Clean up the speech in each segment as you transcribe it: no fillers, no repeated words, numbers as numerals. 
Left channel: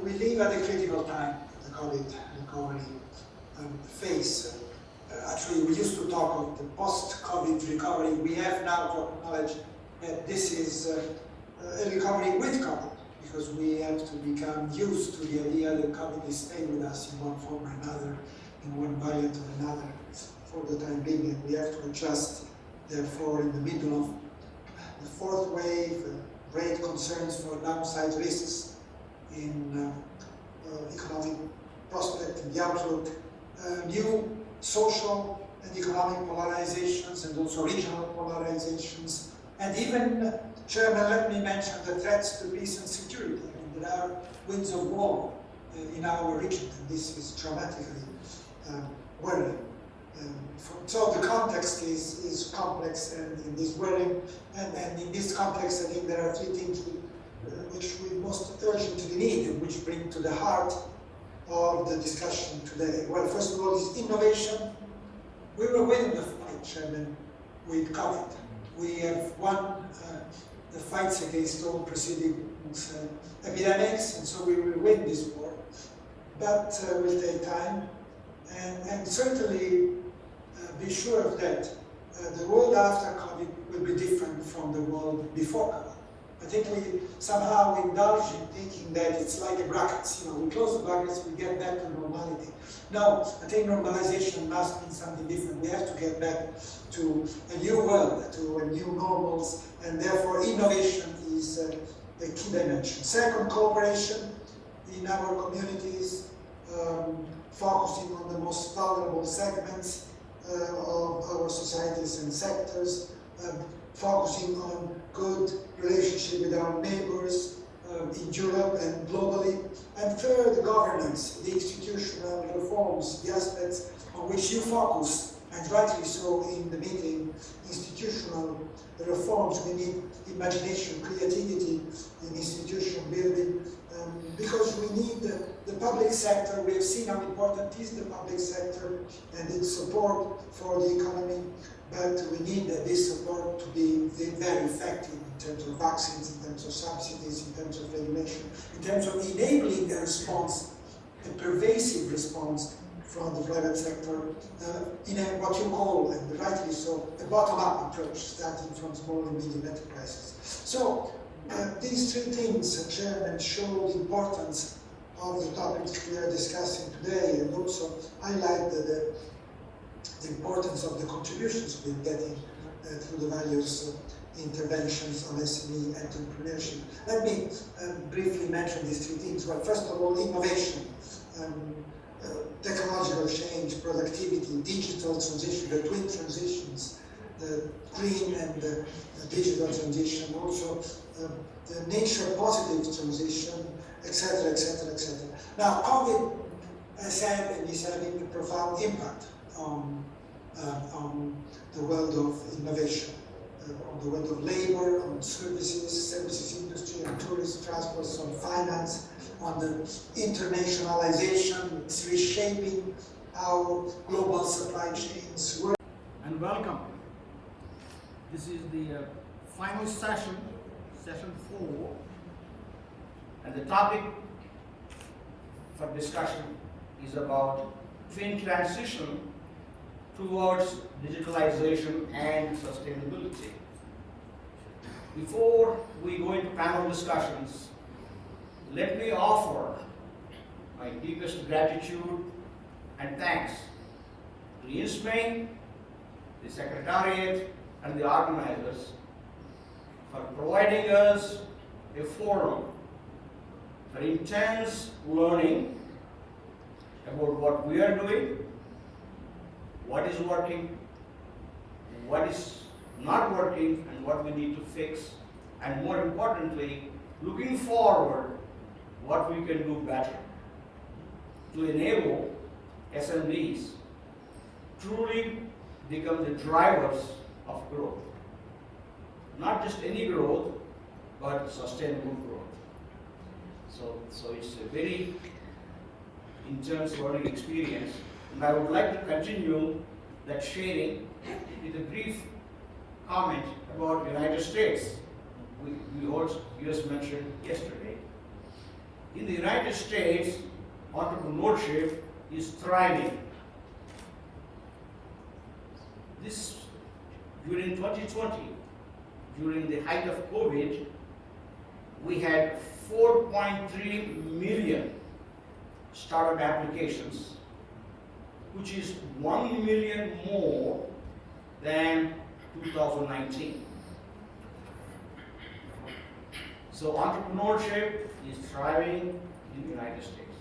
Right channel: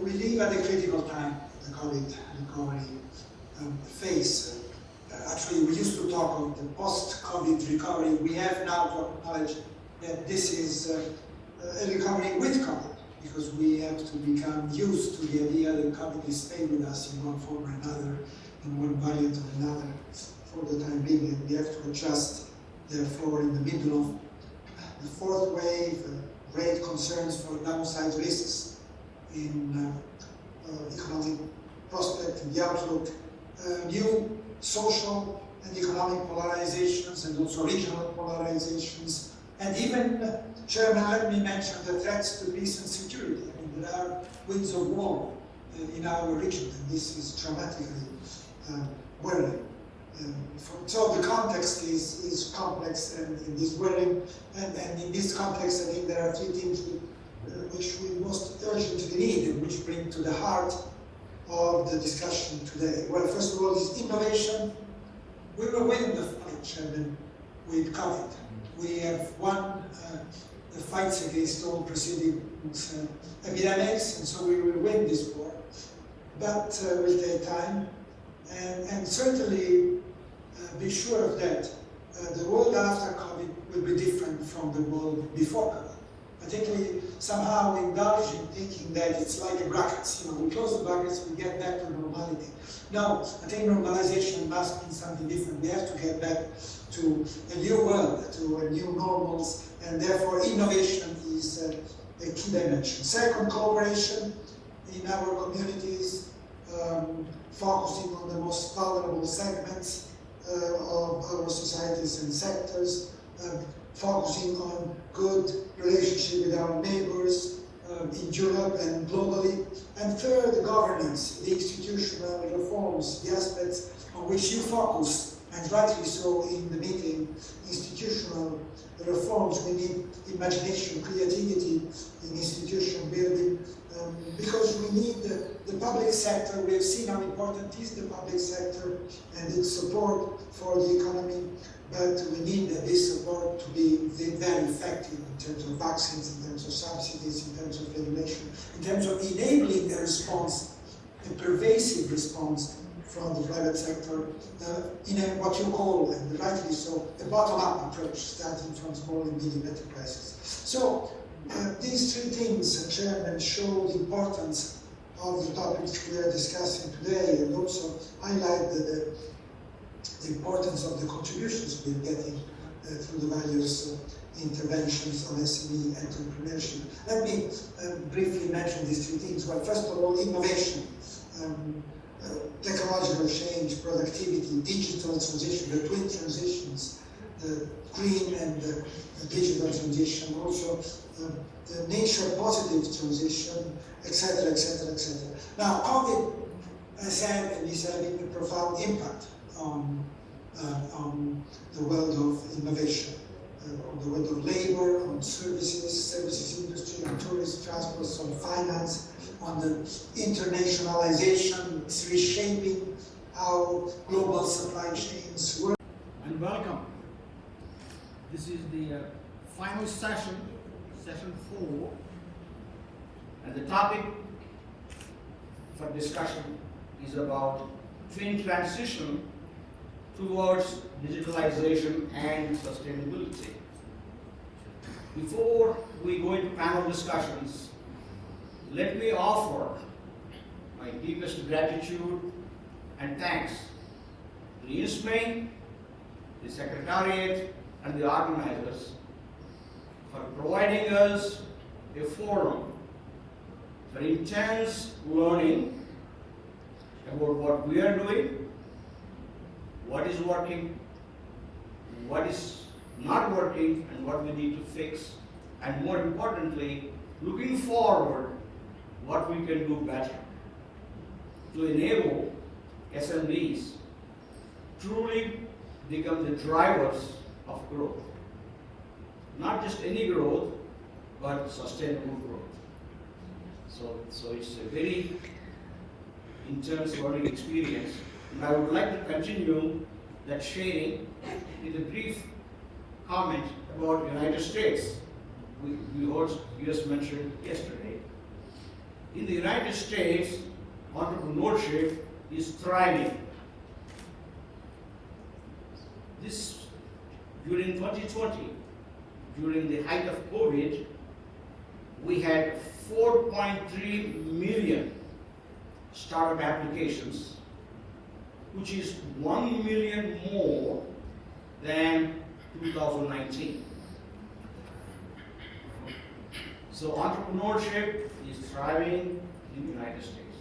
we live at a critical time, the COVID recovery phase. Actually, we used to talk of the post-COVID recovery. We have now to acknowledge that this is a recovery with COVID, because we have to become used to the idea that COVID is staying with us in one form or another, in one variant or another, for the time being, and we have to adjust. Therefore, in the middle of the fourth wave, great concerns for downside risks in economic prospect and the outlook, new social and economic polarizations and also regional polarizations, and even, Chairman, let me mention the threats to peace and security. I mean, there are winds of war in our region, and this is dramatically worrying. So the context is complex and is worrying, and in this context, I think there are three things which we most urgently need and which bring to the heart of the discussion today. Well, first of all, is innovation. We will win the fight, Chairman, with COVID. We have won the fights against all preceding epidemics, and so we will win this war. But will take time, and certainly be sure of that. The world after COVID will be different from the world before COVID. Particularly, somehow we indulge in thinking that it's like the brackets. We close the brackets, we get back to normality. No, I think normalization must mean something different. We have to get back to a new world, to a new normals, and therefore innovation is a key dimension. Second, cooperation in our communities, focusing on the most vulnerable segments of our societies and sectors, focusing on good relationship with our neighbors in Europe and globally. And third, governance, the institutional reforms, the aspects on which you focus, and rightly so in the meeting, institutional reforms. We need imagination, creativity in institution building, because we need the public sector. We have seen how important is the public sector and its support for the economy, but we need this support to be very effective in terms of vaccines, in terms of subsidies, in terms of regulation, in terms of enabling the response, the pervasive response from the private sector in what you call, and rightly so, a bottom-up approach, starting from small and medium enterprises. So these three things, Chairman, show the importance of the topics we are discussing today, and also highlight the importance of the contributions we're getting through the various interventions on SME entrepreneurship. Let me briefly mention these three things. Well, first of all, innovation, technological change, productivity, digital transition, the twin transitions, the green and the digital transition, also the nature positive transition, etc., etc., etc. Now, COVID, as I said, is having a profound impact on the world of innovation, on the world of labor, on services industry, on tourism, transport, on finance, on the internationalization. It's reshaping how global supply chains work. And welcome. This is the final session, session 4, and the topic for discussion is about twin transition towards digitalization and sustainability. Before we go into panel discussions, let me offer my deepest gratitude and thanks to the insme, the Secretariat, and the organizers for providing us a forum for intense learning about what we are doing, what is working, what is not working, and what we need to fix, and more importantly, looking forward, what we can do better to enable SMEs truly become the drivers of growth. Not just any growth, but sustainable growth. So it's a very intense learning experience. And I would like to continue that sharing with a brief comment about the United States. We heard US mentioned yesterday. In the United States, entrepreneurship is thriving. This during 2020, during the height of COVID, we had 4.3 million startup applications, which is 1 million more than 2019. So entrepreneurship is thriving in the United States.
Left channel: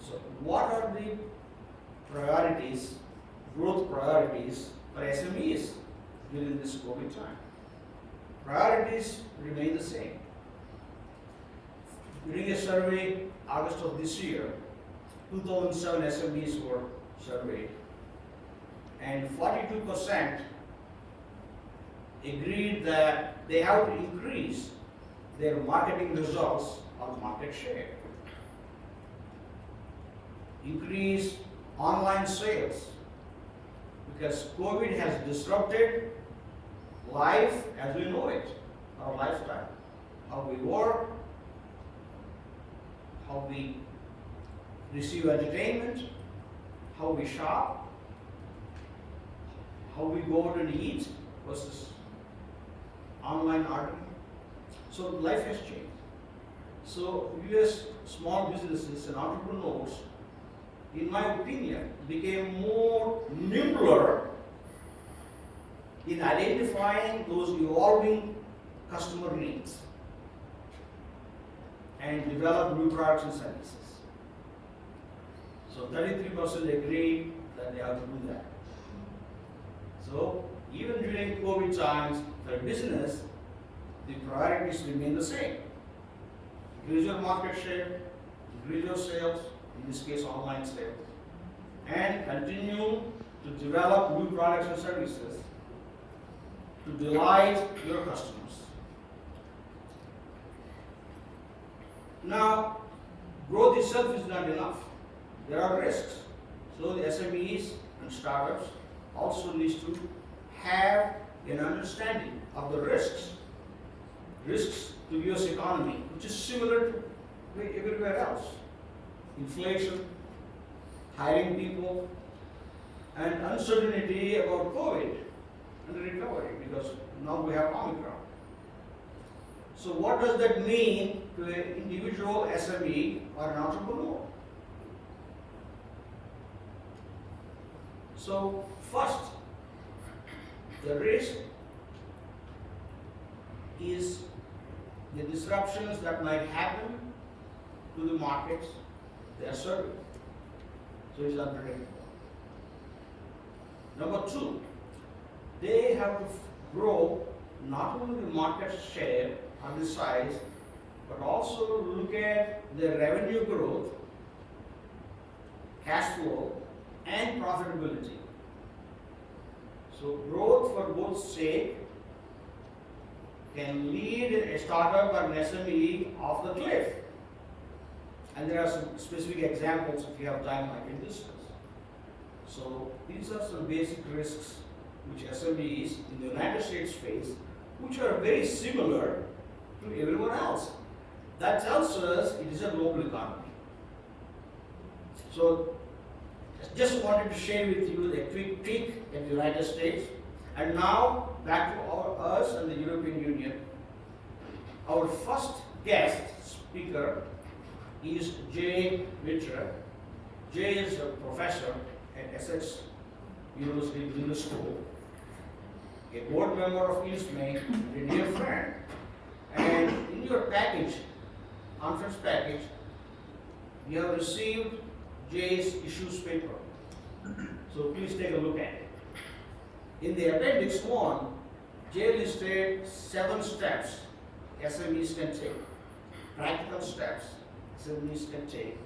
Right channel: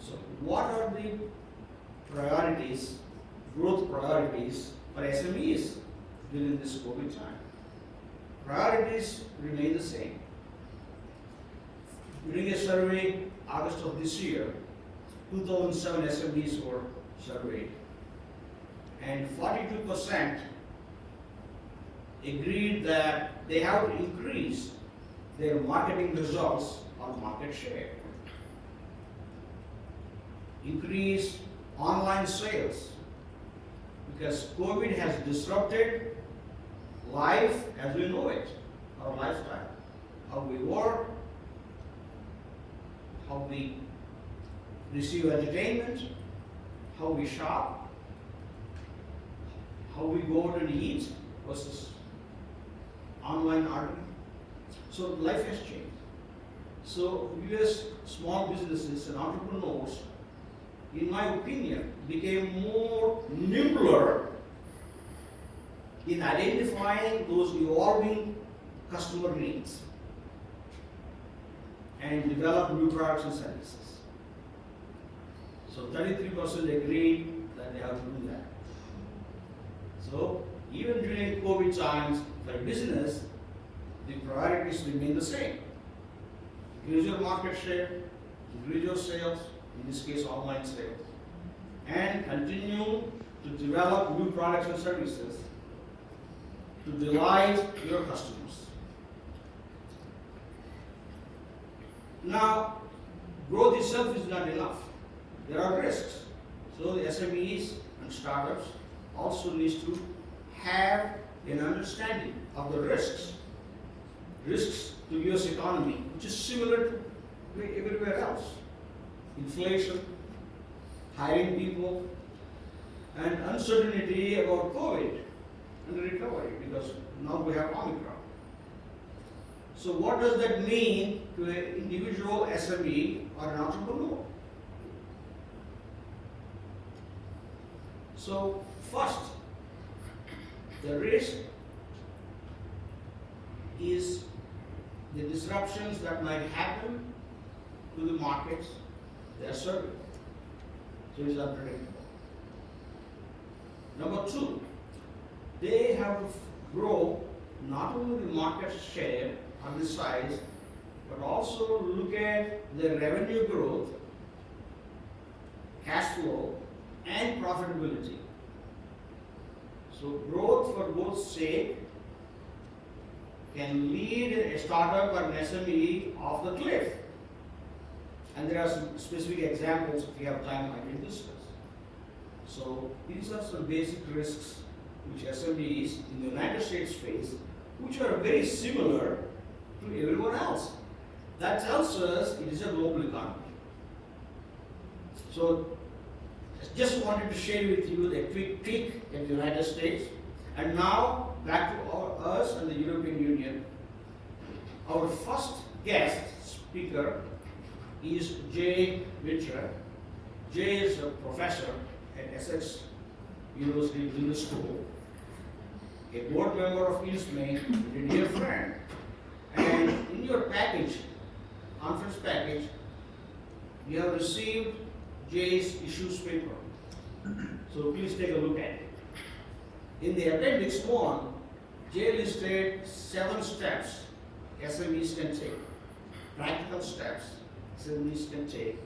So what are the priorities, growth priorities for SMEs during this COVID time? Priorities remain the same. During a survey, August of this year, 2007 SMEs were surveyed, and 42% agreed that they have to increase their marketing results or market share. Increase online sales, because COVID has disrupted life as we know it, our lifestyle, how we work, how we receive entertainment, how we shop, how we go out and eat versus online ordering. So life has changed. So US small businesses and entrepreneurs, in my opinion, became more nimbler in identifying those evolving customer needs and develop new products and services. So 33% agreed that they have to do that. So even during COVID times, for business, the priorities remain the same. Increase your market share, increase your sales, in this case online sales, and continue to develop new products and services to delight your customers. Now, growth itself is not enough. There are risks. So the SMEs and startups also need to have an understanding of the risks. Risks to US economy, which is similar to everywhere else. Inflation, hiring people, and uncertainty about COVID and the recovery, because now we have Omicron. So what does that mean to an individual SME or an entrepreneur? So first, the risk is the disruptions that might happen to the markets they are serving. So it's unpredictable. Number two, they have to grow not only the market share or the size, but also look at their revenue growth, cash flow, and profitability. So growth for both sake can lead a startup or an SME off the cliff. And there are some specific examples, if you have time, I can discuss. So these are some basic risks which SMEs in the United States face, which are very similar to everyone else. That tells us it is a global economy. So just wanted to share with you a quick peek at the United States. And now back to us and the European Union. Our first guest speaker is Jay Mitra. Jay is a professor at Essex University Business School, a board member of insme, and a dear friend. And in your package, conference package, you have received Jay's issues paper. So please take a look at it. In the appendix 1, Jay listed 7 steps SMEs can take, practical steps SMEs can take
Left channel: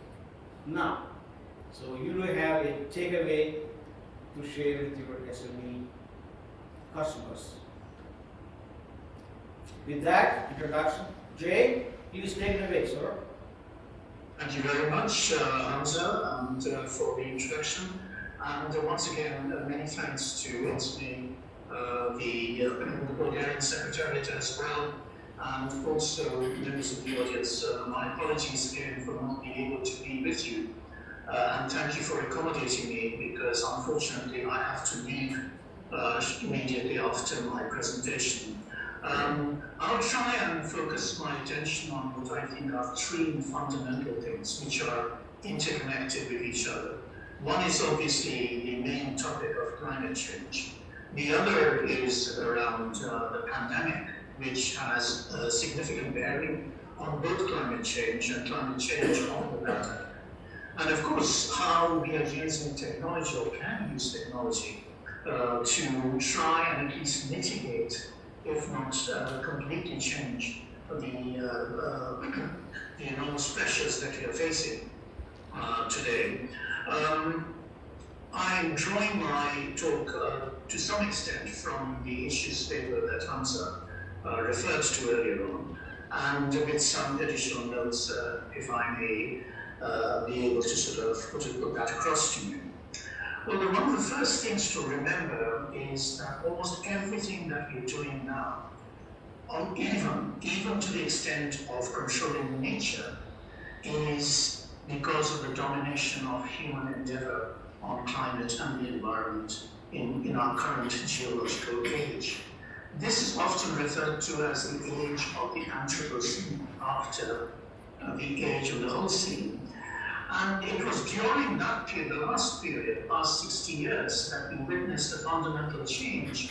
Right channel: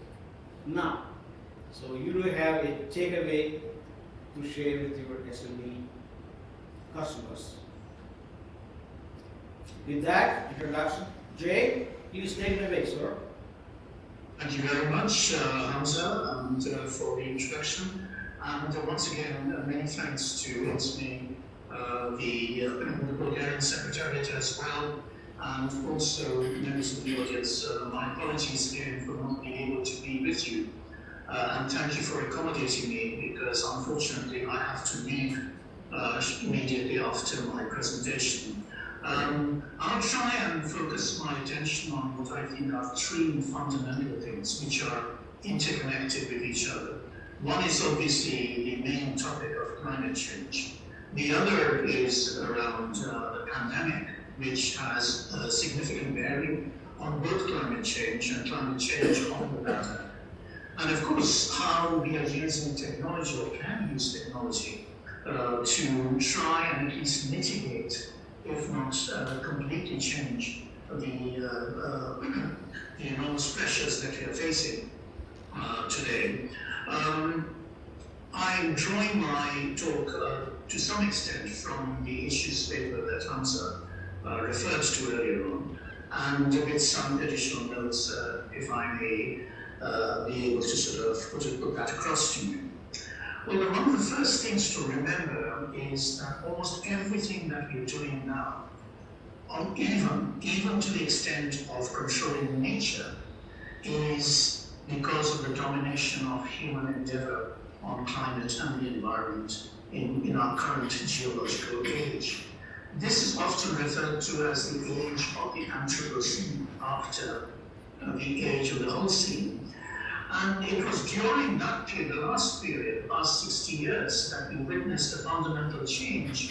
now. So you will have a takeaway to share with your SME customers. With that introduction, Jay, please take the away, sir. Thank you very much, Hamza, and for the introduction. And once again, many thanks to insme, the Bulgarian Secretariat as well, and also members of the audience. My apologies again for not being able to be with you, and thank you for accommodating me, because unfortunately I have to leave immediately after my presentation. I'll try and focus my attention on what I think are three fundamental things which are interconnected with each other. One is obviously the main topic of climate change. The other is around the pandemic, which has a significant bearing on both climate change and climate change on the pandemic. And of course, how we are using technology or can use technology to try and at least mitigate, if not completely change, the enormous pressures that we are facing today. I'm drawing my talk to some extent from the issues paper that Hamza referred to earlier on, and with some additional notes, if I may be able to sort of put that across to you. Well, one of the first things to remember is that almost everything that we're doing now, even to the extent of controlling nature, is because of the domination of human endeavor on climate and the environment in our current geological age. This is often referred to as the age of the Anthropocene, after the age of the Holocene. And it was during that period, the last 60 years, that we witnessed a fundamental change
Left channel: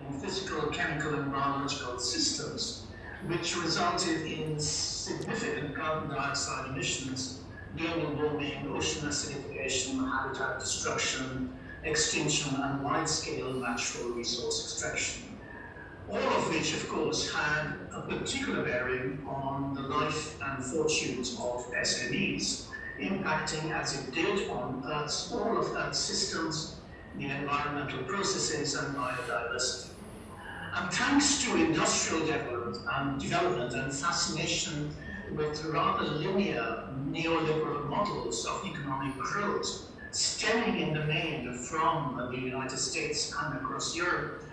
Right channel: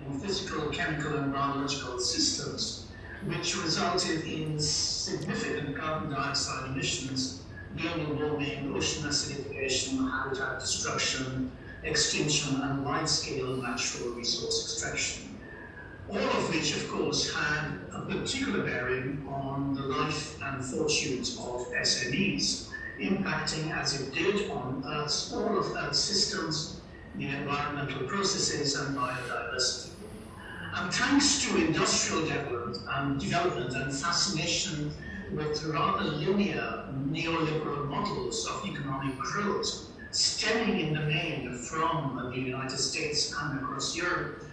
in physical, chemical, and biological systems, which resulted in significant carbon dioxide emissions, global warming, ocean acidification, habitat destruction, extinction, and wide-scale natural resource extraction. All of which, of course, had a particular bearing on the life and fortunes of SMEs, impacting as it did on Earth's, all of Earth's systems, the environmental processes, and biodiversity. And thanks to industrial development and fascination with rather linear neoliberal models of economic growth, stemming in the main from the United States and across Europe,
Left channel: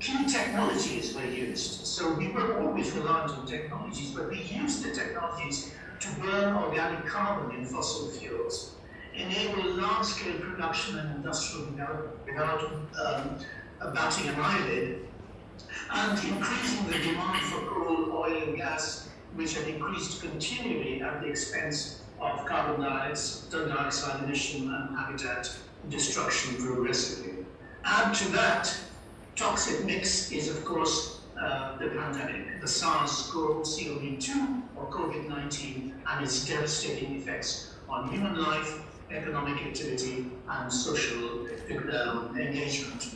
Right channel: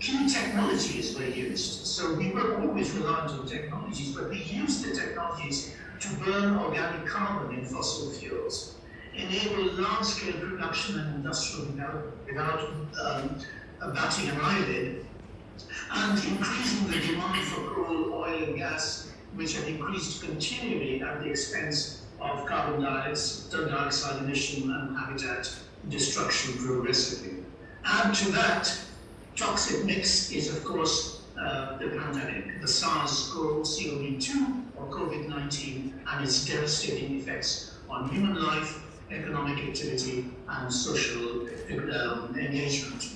key technologies were used. So we were always reliant on technologies, but we used the technologies to burn organic carbon in fossil fuels, enable large-scale production and industrial development without batting an eyelid, and increasing the demand for coal, oil, and gas, which had increased continually at the expense of carbon dioxide emission and habitat destruction progressively. Add to that toxic mix is, of course, the pandemic, the SARS-CoV-2 or COVID-19, and its devastating effects on human life, economic activity, and social engagement.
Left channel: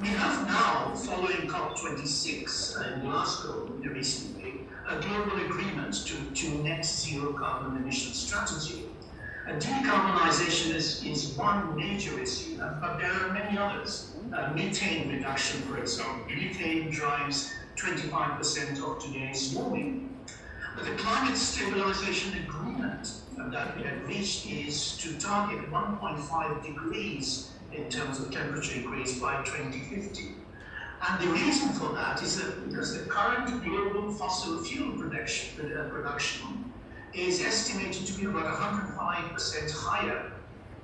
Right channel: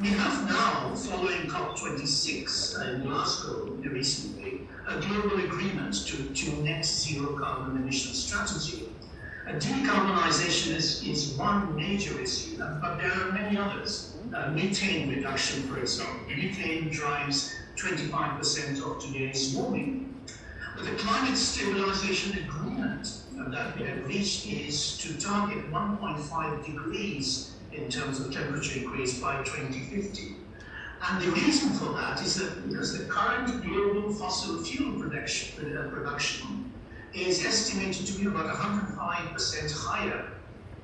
We have now, following COP26 in Glasgow recently, a global agreement to net zero carbon emission strategy. Decarbonization is one major issue, but there are many others. Methane reduction, for example. Methane drives 25% of today's warming. But the climate stabilization agreement that we have reached is to target 1.5 degrees in terms of temperature increase by 2050. And the reason for that is that because the current global fossil fuel production is estimated to be about 105% higher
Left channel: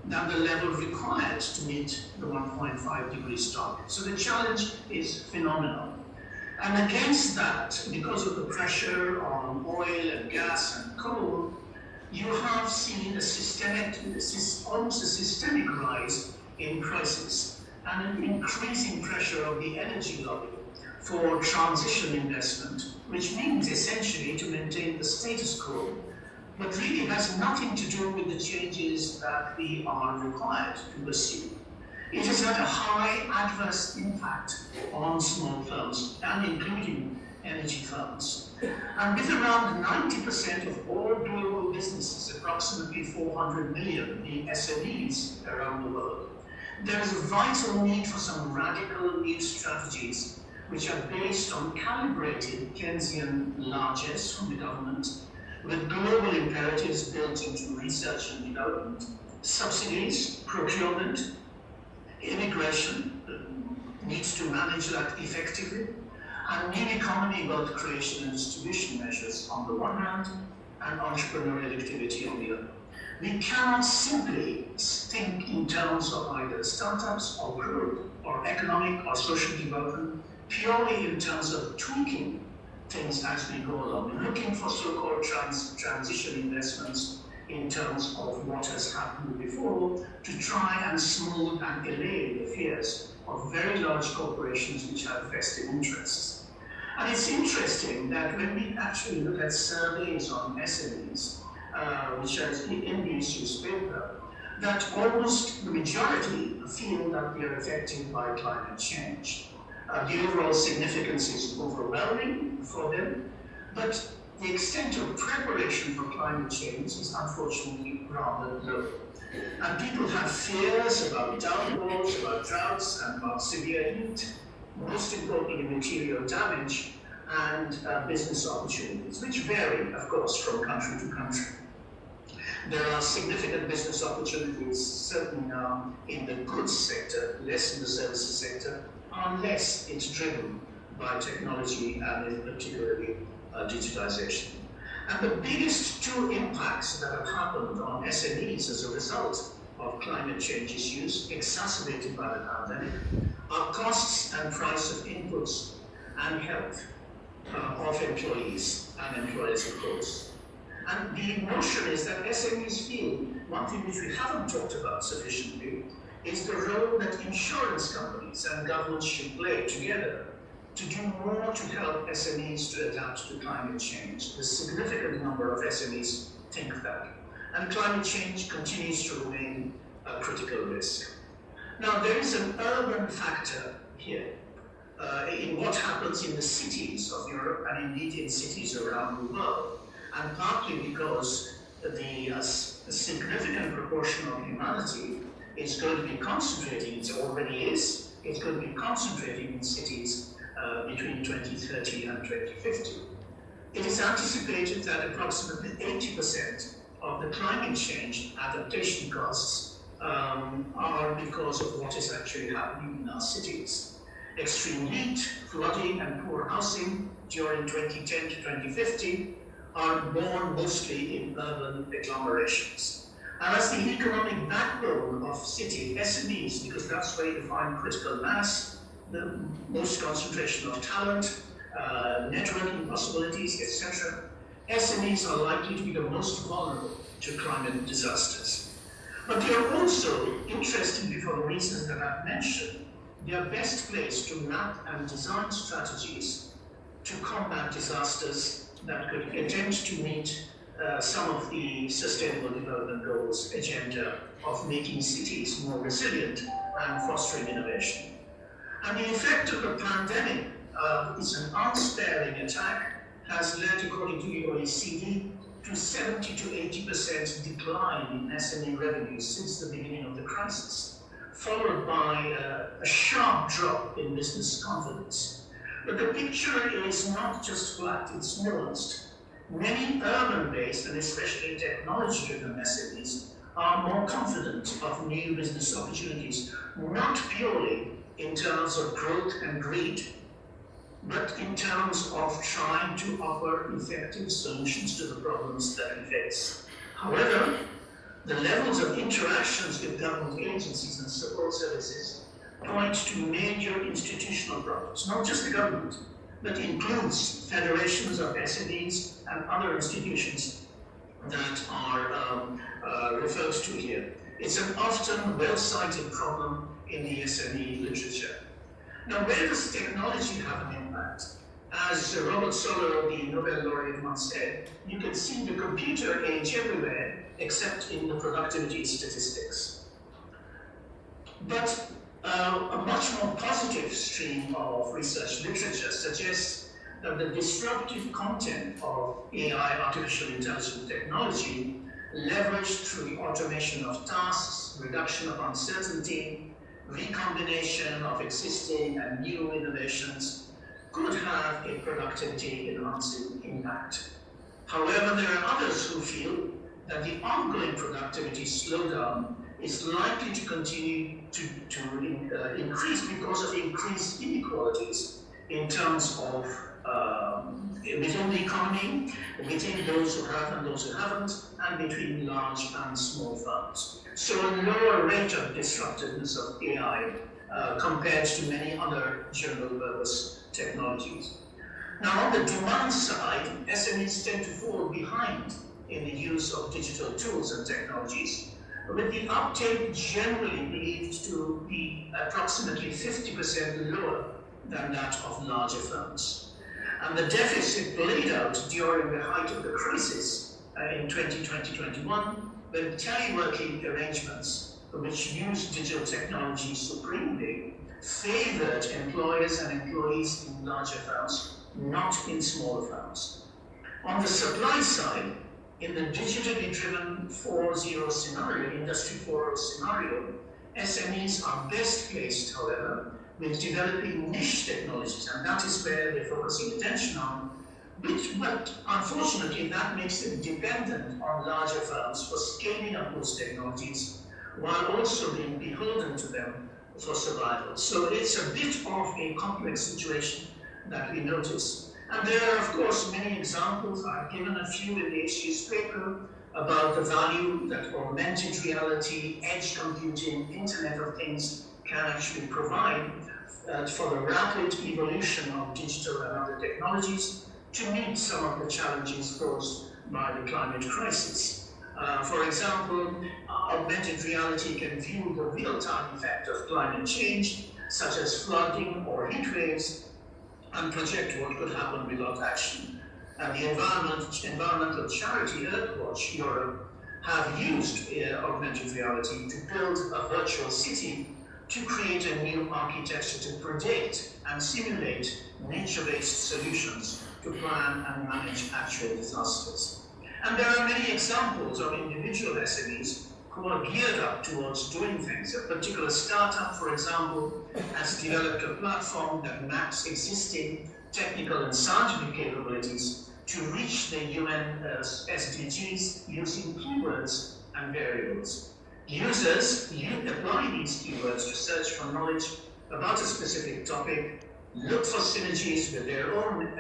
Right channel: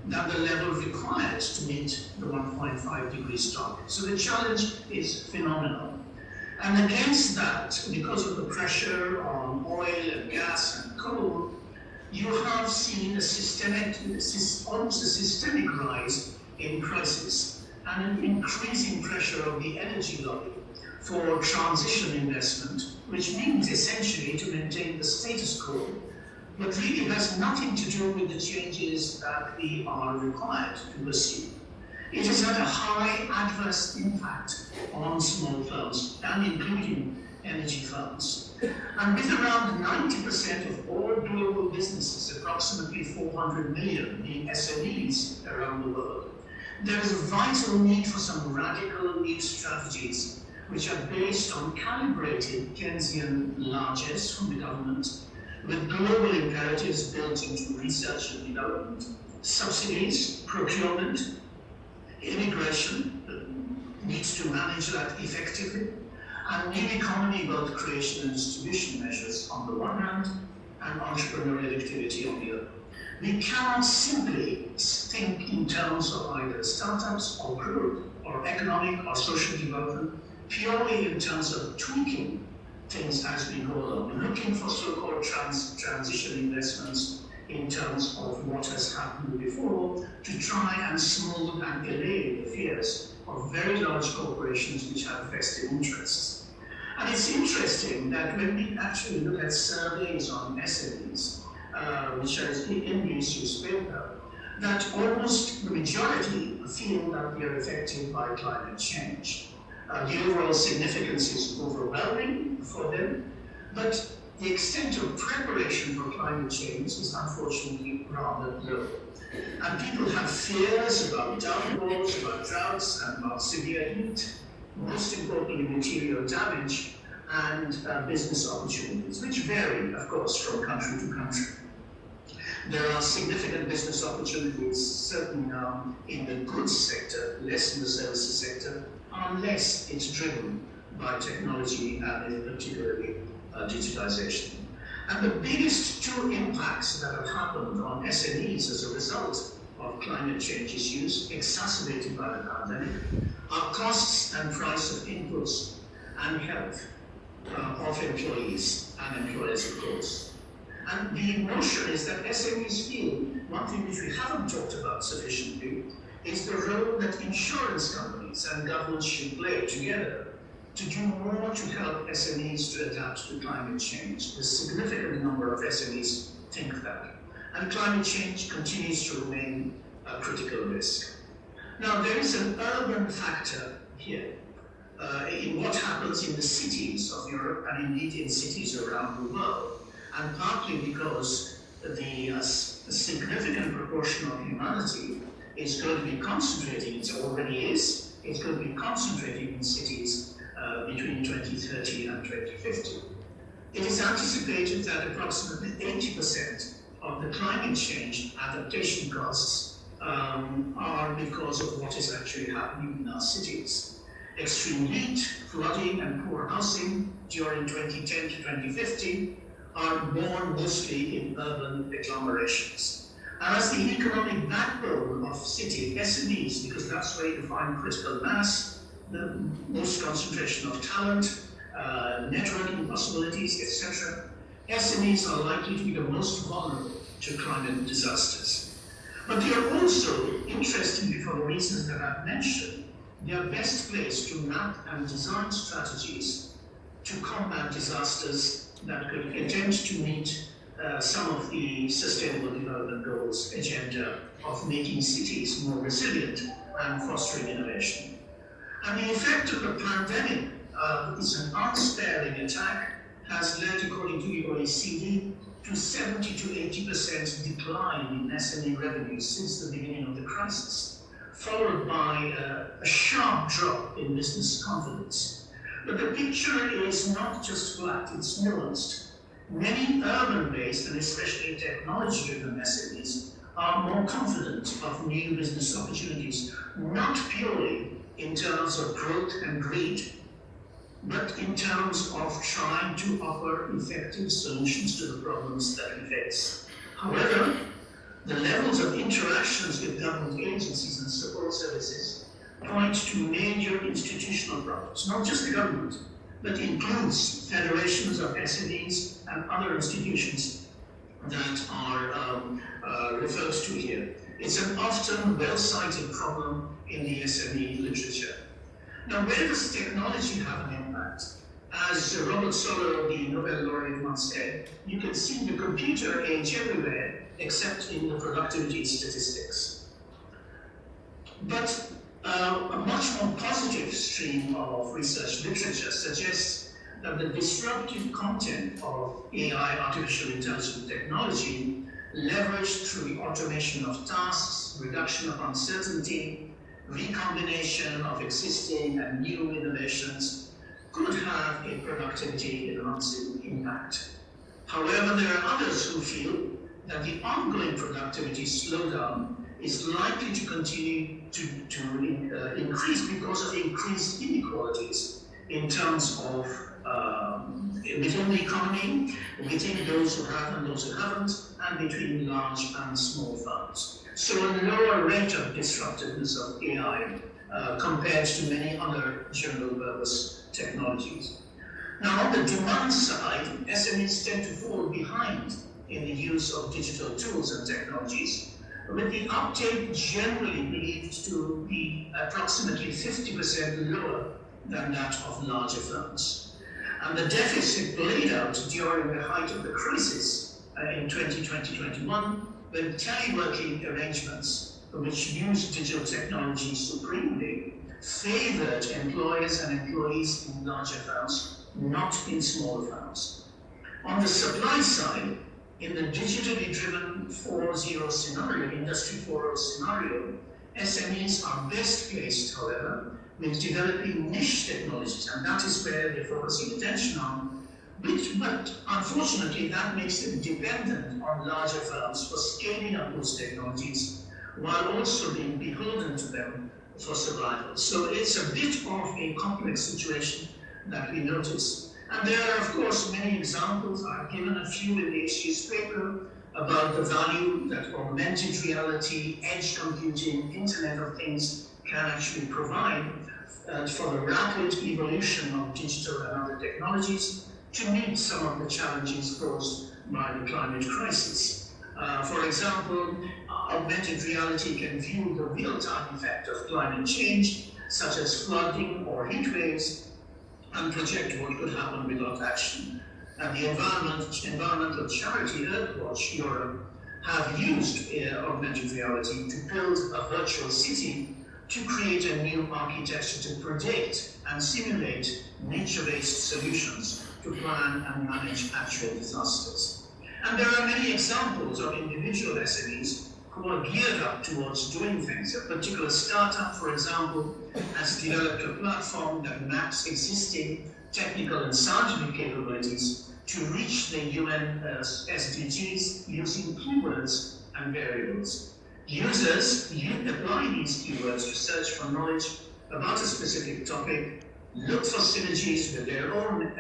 than the level required to meet the 1.5 degrees target. So the challenge is phenomenal. And against that, because of the pressure on oil and gas and coal, you have seen almost a systemic rise in prices and an increasing pressure of the energy lobby for transition investment, which means essentially to maintain the status quo, but really has nothing to do with the changes that we are required to pursue. It has had a high adverse impact on small firms, and including energy firms. And with around 90% of all global businesses, approximately 400 million being SMEs around the world, there is a vital need for some radical new strategies which are based on calibrated Keynesian largesse from the government, with global imperatives built into research and development, subsidies, procurement, immigration needs to manage that effectively, and new economy wealth creation and distribution measures on the one hand, and entrepreneurial activity on the other. We cannot simply think in terms of either startups or growth or economic or social development purely in terms of tweaking things as we go along, looking for so-called transition investments in terms of what has happened before to try and smooth and allay the fears of very large corporations which have vested interests. And it's interesting that when we actually look at surveys on SMEs, which are in the issues paper, that almost the majority feel that we are affected by climate change. The overall significance is overwhelming for them, but the extent of preparation for climate change is unfortunately rather low. And people have fears about downpours, about droughts, and about severe heat, most importantly material damage and business opportunities, which vary, of course, from country to country. There are significant business opportunities, certainly in the goods sector, less in the services sector, unless it's driven by technology and in particularly digitization. And the biggest two impacts that have happened on SMEs as a result of climate change issues, exacerbated by the pandemic, are costs and price of inputs and health of employees and employers, of course. And the notion is that SMEs feel, one thing which we haven't talked about sufficiently, is the role that insurance companies and governments should play together to do more to help SMEs to adapt to climate change. A significant number of SMEs think that. And climate change continues to remain a critical risk. Now, there is an urban factor here in what happens in the cities of Europe and indeed in cities around the world. And partly because a significant proportion of humanity is going to be concentrating, it already is, it's going to be concentrating in cities between 2030 and 2050. It is anticipated that approximately 80% of the climate change adaptation costs are because of what is actually happening in our cities. Extreme heat, flooding, and poor housing during 2010 to 2050 are born mostly in urban agglomerations. And as the economic backbone of city SMEs, because that's where you find critical mass, the most concentration of talent, networking possibilities, etc., SMEs are likely to be the most vulnerable to climate disasters. But they are also, interestingly for the reasons that I've mentioned, they are best placed to map and design strategies to combat disasters that could attempt to meet some of the Sustainable Development Goals agenda of making cities more resilient and fostering innovation. And the effect of the pandemic is an unsparing attack, has led, according to the OECD, to 70 to 80% decline in SME revenue since the beginning of the crisis, followed by a sharp drop in business confidence. But the picture is not just flat, it's nuanced. Many urban-based and especially technology-driven SMEs are more confident of new business opportunities, not purely in terms of growth and greed, but in terms of trying to offer effective solutions to the problems that we face. However, the levels of interactions with government agencies and support services point to major institutional problems, not just the government, but includes federations of SMEs and other institutions that are referred to here. It's an often well-cited problem in the SME literature. Now, where does technology have an impact? As Robert Solow, the Nobel laureate, once said, you can see the computer age everywhere except in the productivity statistics. But a much more positive stream of research literature suggests that the disruptive content of AI, artificial intelligence technology, leveraged through the automation of tasks, reduction of uncertainty, recombination of existing and new innovations, could have a productivity enhancing impact. However, there are others who feel that the ongoing productivity slowdown is likely to continue to increase because of increased inequalities in terms of within the economy, between those who have and those who haven't, and between large and small firms. So a lower rate of disruptiveness of AI compared to many other general purpose technologies. Now, on the demand side, SMEs tend to fall behind in the use of digital tools and technologies, with the uptake generally believed to be approximately 50% lower than that of larger firms. And the deficit played out during the height of the crisis in 2020-21, when teleworking arrangements, which use digital technology supremely, favored employers and employees in larger firms, not in smaller firms. On the supply side, in the digitally driven 4.0 scenario, Industry 4.0 scenario, SMEs are best placed, however, with developing niche technologies, and that is where they're focusing attention on, but unfortunately that makes them dependent on larger firms for scaling up those technologies, while also being beholden to them for survival. So it's a bit of a complex situation that we notice. And there are, of course, many examples. I've given a few in the HG's paper about the value that augmented reality, edge computing, Internet of Things can actually provide for the rapid evolution of digital and other technologies to meet some of the challenges posed by the climate crisis. For example, augmented reality can view the real-time effect of climate change, such as flooding or heat waves, and project what could happen without action. The environmental charity Earthwatch Europe have used augmented reality to build a virtual city to create a new architecture to predict and simulate nature-based solutions to plan and manage actual disasters. And there are many examples of individual SMEs who are geared up towards doing things. A particular startup, for example, has developed a platform that maps existing technical and scientific capabilities to reach the UN SDGs using keywords and variables. Users apply these keywords to search for knowledge about a specific topic, look for synergies with their own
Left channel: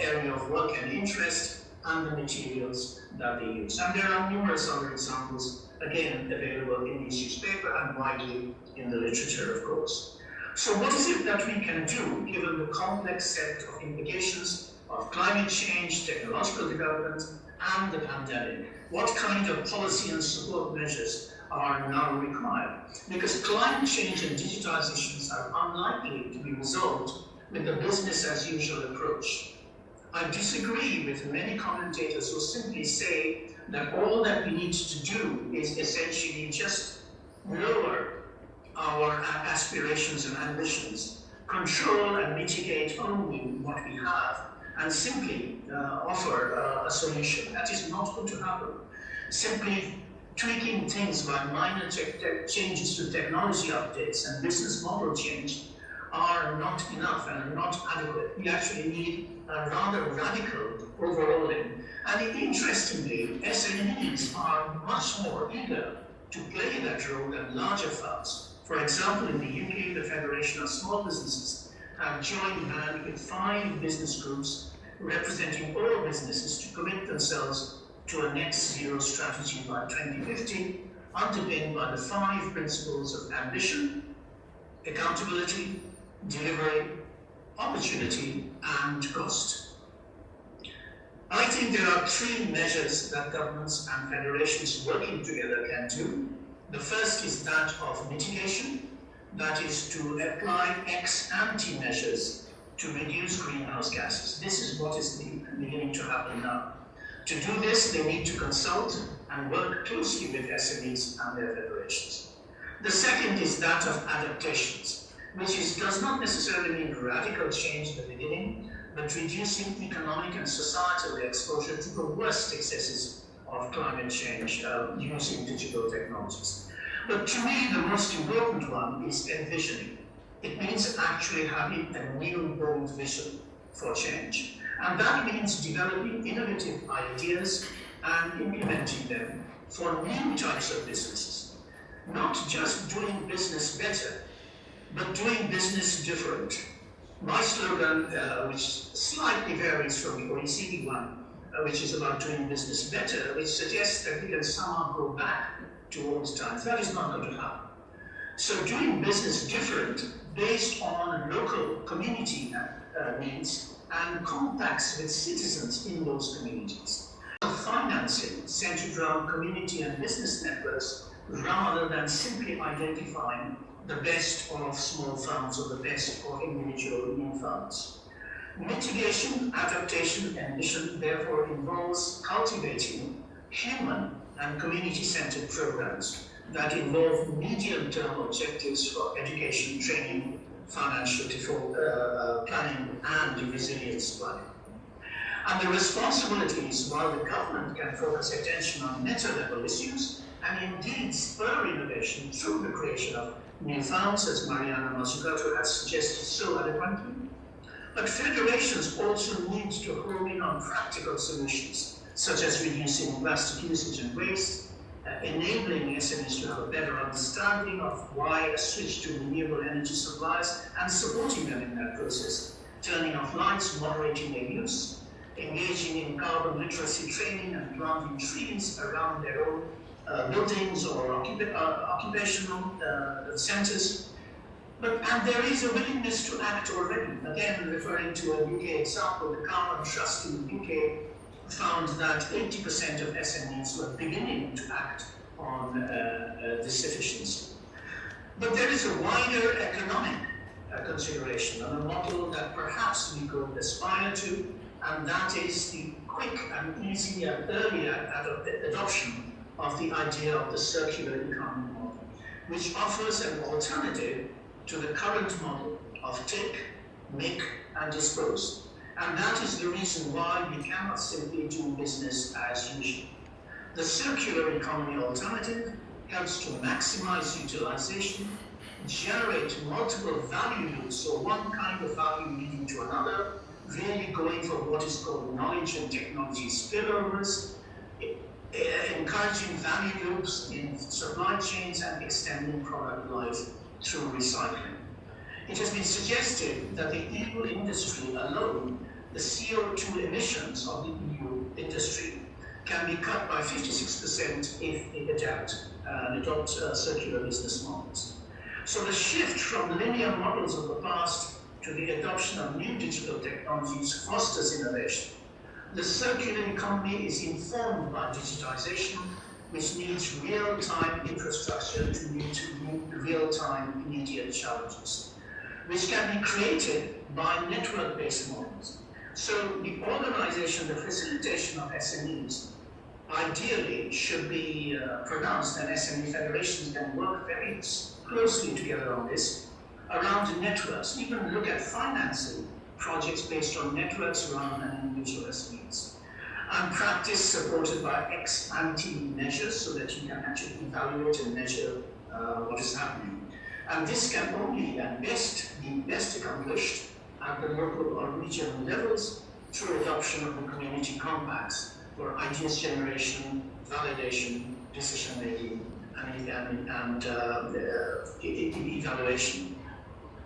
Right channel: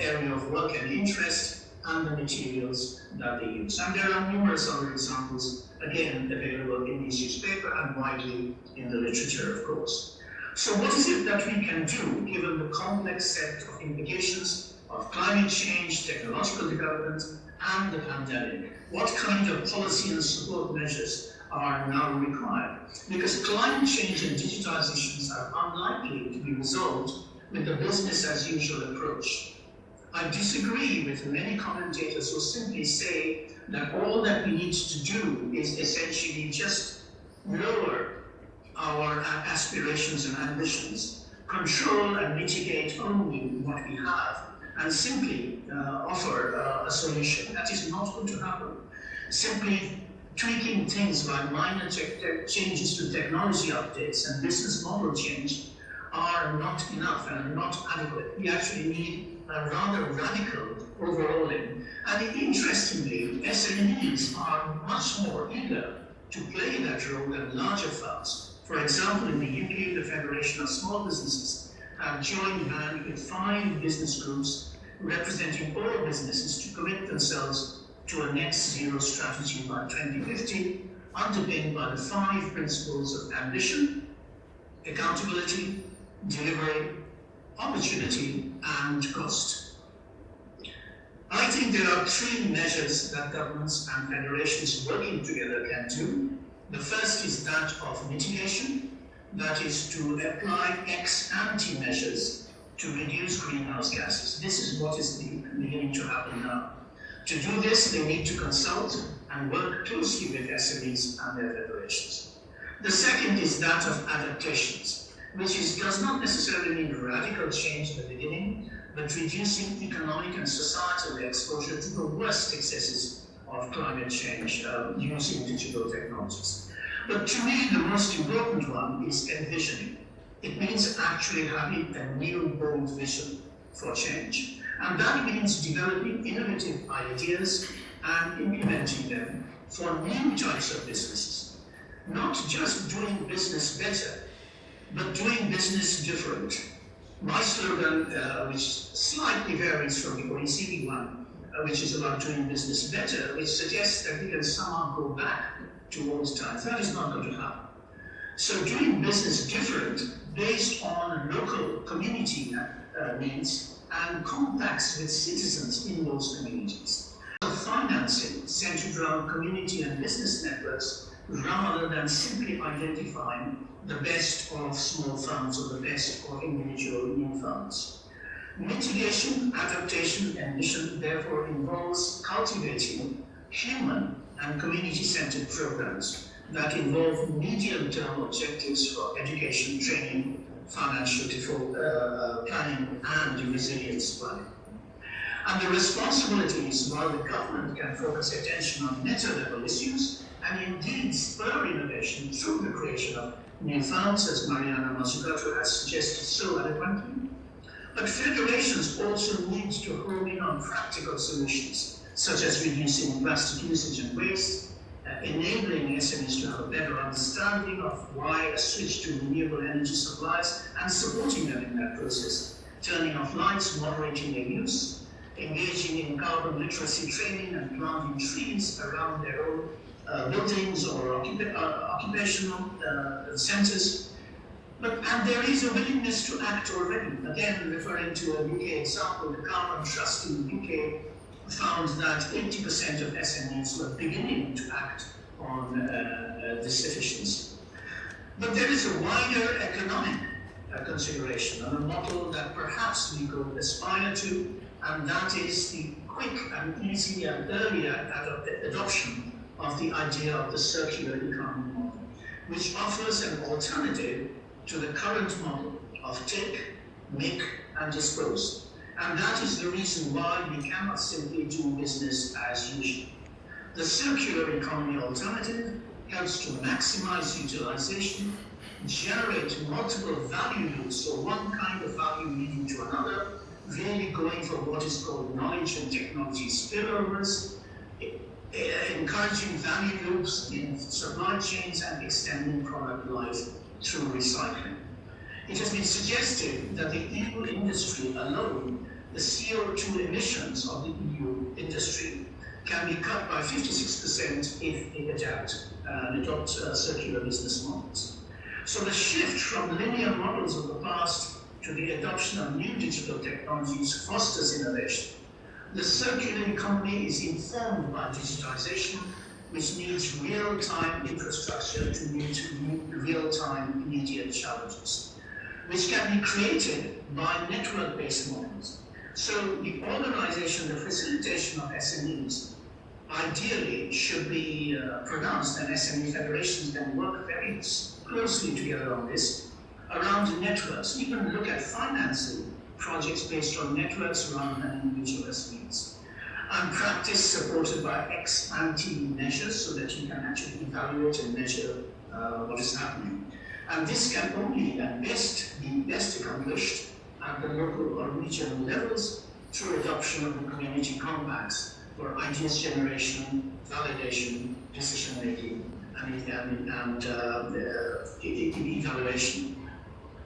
area of work and interest, and the materials that they use. And there are numerous other examples, again, available in this newspaper and widely in the literature, of course. So what is it that we can do, given the complex set of implications of climate change, technological development, and the pandemic? What kind of policy and support measures are now required? Because climate change and digitalizations are unlikely to be resolved with the business as usual approach. I disagree with many commentators who simply say that all that we need to do is essentially just lower our aspirations and ambitions, control and mitigate only what we have, and simply offer a solution. That is not going to happen. Simply tweaking things by minor changes to technology updates and business model change are not enough and not adequate. We actually need a rather radical overhauling. And interestingly, SMEs are much more eager to play that role than larger firms. For example, in the UK, the Federation of Small Businesses have joined hands with 5 business groups representing all businesses to commit themselves to a net zero strategy by 2050, underpinned by the 5 principles of ambition, accountability, delivery, opportunity, and cost. I think there are 3 measures that governments and federations working together can do. The first is that of mitigation, that is to apply ex-ante measures to reduce greenhouse gases. This is what is beginning to happen now. To do this, they need to consult and work closely with SMEs and their federations. The second is that of adaptations, which does not necessarily mean radical change in the beginning, but reducing economic and societal exposure to the worst excesses of climate change using digital technologies. But to me, the most important one is envisioning. It means actually having a new bold vision for change. And that means developing innovative ideas and implementing them for new types of businesses. Not just doing business better, but doing business different. My slogan, which slightly varies from the OECD one, which is about doing business better, which suggests that we can somehow go back to old times. That is not going to happen. So doing business different based on local community needs and contacts with citizens in those communities. Financing centered around community and business networks rather than simply identifying the best of small firms or the best of individual new firms. Mitigation, adaptation, and mission therefore involves cultivating human and community-centered programs that involve medium-term objectives for education, training, financial planning, and resilience planning. And the responsibilities, while the government can focus attention on meta-level issues and indeed spur innovation through the creation of new firms, as Mariana Mazzucato has suggested so eloquently, but federations also need to hone in on practical solutions, such as reducing plastic usage and waste, enabling SMEs to have a better understanding of why a switch to renewable energy supplies and supporting them in that process, turning off lights, moderating their use, engaging in carbon literacy training and planting trees around their own buildings or occupational centres. And there is a willingness to act already. Again, referring to a UK example, the Carbon Trust in the UK found that 80% of SMEs were beginning to act on this efficiency. But there is a wider economic consideration and a model that perhaps we could aspire to, and that is the quick and easy and earlier adoption of the idea of the circular economy model, which offers an alternative to the current model of take, make, and dispose. And that is the reason why we cannot simply do business as usual. The circular economy alternative helps to maximize utilization, generate multiple value loops, so one kind of value leading to another, really going for what is called knowledge and technology spillovers, encouraging value loops in supply chains and extending product life through recycling. It has been suggested that the EU industry alone, the CO2 emissions of the EU industry, can be cut by 56% if it adopts circular business models. So the shift from linear models of the past to the adoption of new digital technologies fosters innovation. The circular economy is informed by digitization, which needs real-time infrastructure to meet real-time immediate challenges, which can be created by network-based models. So the organization, the facilitation of SMEs, ideally should be pronounced, and SME federations can work very closely together on this, around networks, even look at financing projects based on networks rather than individual SMEs. And practice supported by ex-ante measures so that you can actually evaluate and measure what is happening. And this can only at best be best accomplished at the local or regional levels through adoption of the community compacts for ideas generation, validation, decision making, and evaluation.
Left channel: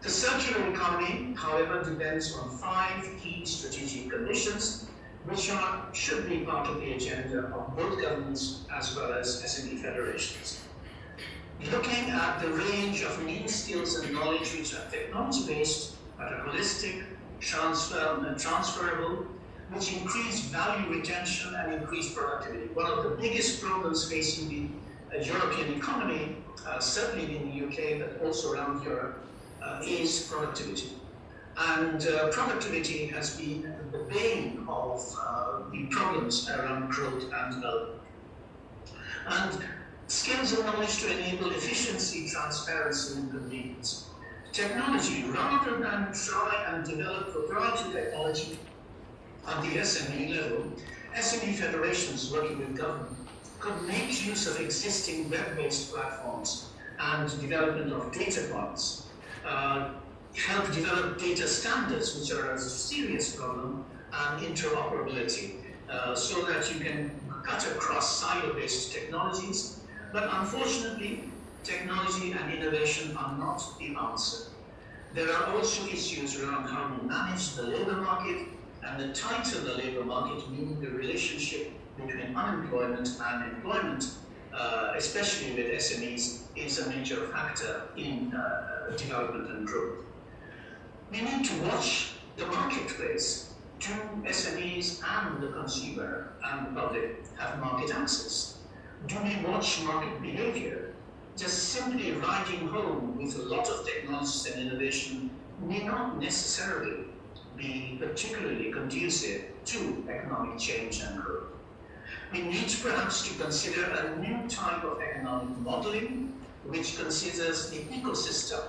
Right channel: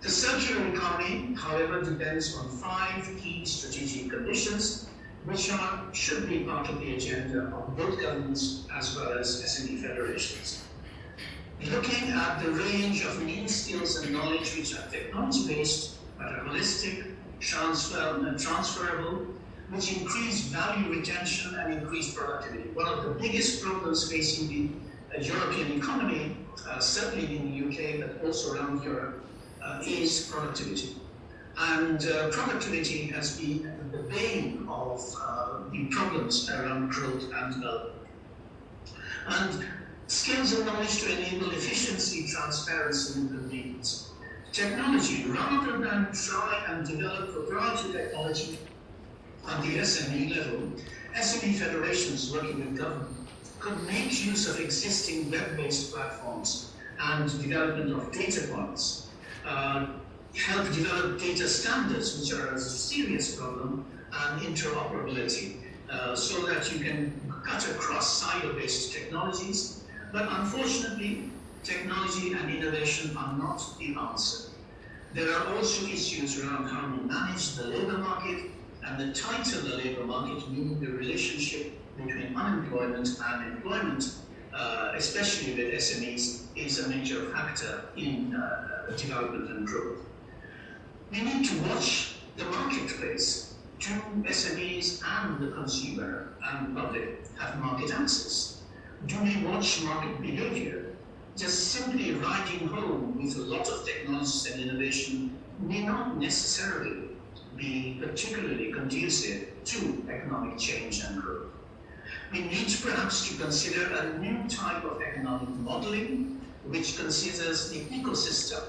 The circular economy, however, depends on 5 key strategic conditions, which should be part of the agenda of both governments as well as SME federations. Looking at the range of new skills and knowledge which are technology-based, but are holistic, transferable, which increase value retention and increase productivity. One of the biggest problems facing the European economy, certainly in the UK, but also around Europe, is productivity. And productivity has been the bane of the problems around growth and development. And skills and knowledge to enable efficiency, transparency, and convenience. Technology, rather than try and develop proprietary technology at the SME level, SME federations working with government could make use of existing web-based platforms and development of data points, help develop data standards, which are a serious problem, and interoperability, so that you can cut across silo-based technologies. But unfortunately, technology and innovation are not the answer. There are also issues around how we manage the labour market, and the tighter the labour market, meaning the relationship between unemployment and employment, especially with SMEs, is a major factor in development and growth. We need to watch the marketplace. Do SMEs and the consumer and the public have market access? Do we watch market behavior? Just simply riding home with a lot of technologies and innovation may not necessarily be particularly conducive to economic change and growth. We need perhaps to consider a new type of economic modeling which considers the ecosystem,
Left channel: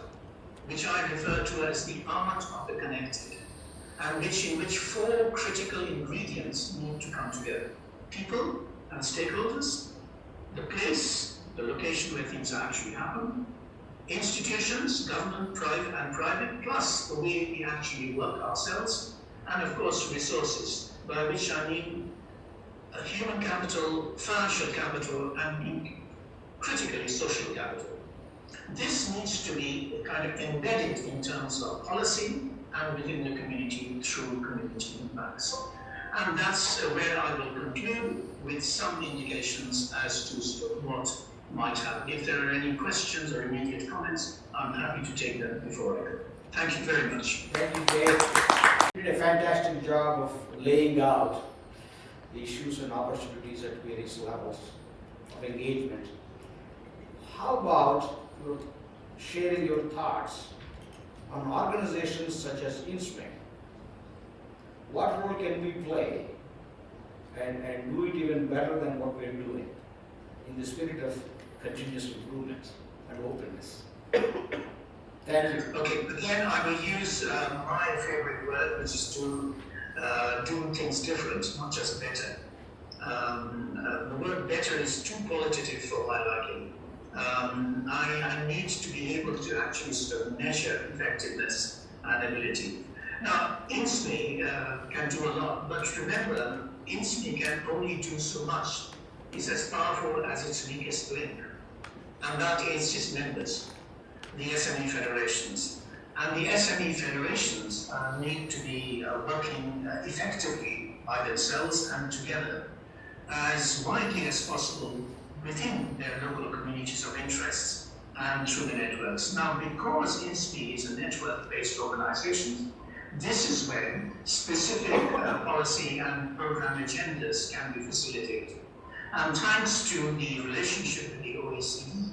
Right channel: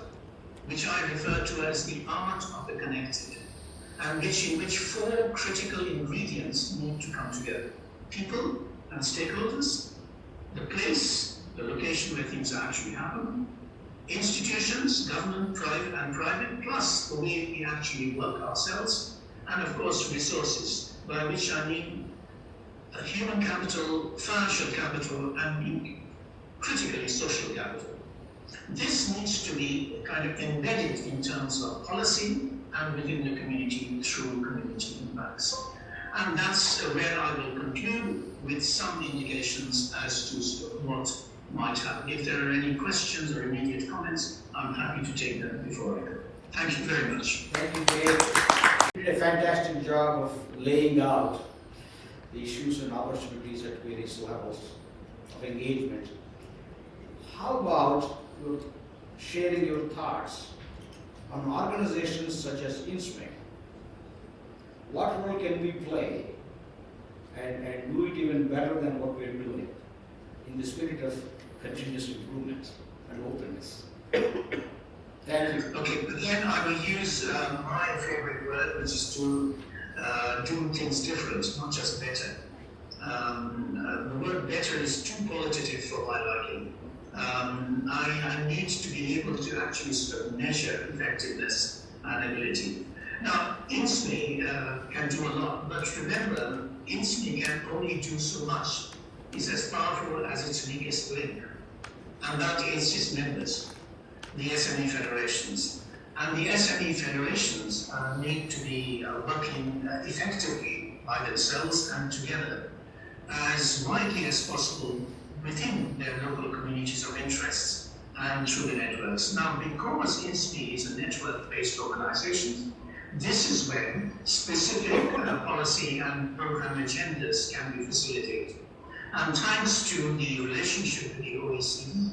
which I refer to as the art of the connected, and in which four critical ingredients need to come together: people and stakeholders, the place, the location where things actually happen, institutions, government, private, plus the way we actually work ourselves, and of course resources, by which I mean human capital, financial capital, and critically social capital. This needs to be kind of embedded in terms of policy and within the community through community impacts. And that's where I will conclude with some indications as to what might happen. If there are any questions or immediate comments, I'm happy to take them before I go. Thank you very much. Thank you, Jay. You did a fantastic job of laying out the issues and opportunities at various levels of engagement. How about sharing your thoughts on organizations such as insme? What role can we play and do it even better than what we're doing in the spirit of continuous improvement and openness? Thank you. Okay, but then I will use my favorite word, which is to do things different, not just better. The word better is too qualitative for my liking. I need to be able to actually sort of measure effectiveness and ability. Now, insme can do a lot, but remember, insme can only do so much. It's as powerful as its weakest link, and that is its members, the SME federations. And the SME federations need to be working effectively by themselves and together as widely as possible within their local communities of interests and through the networks. Now, because insme is a network-based organization, this is when specific policy and program agendas can be facilitated. And thanks to the relationship with the OECD,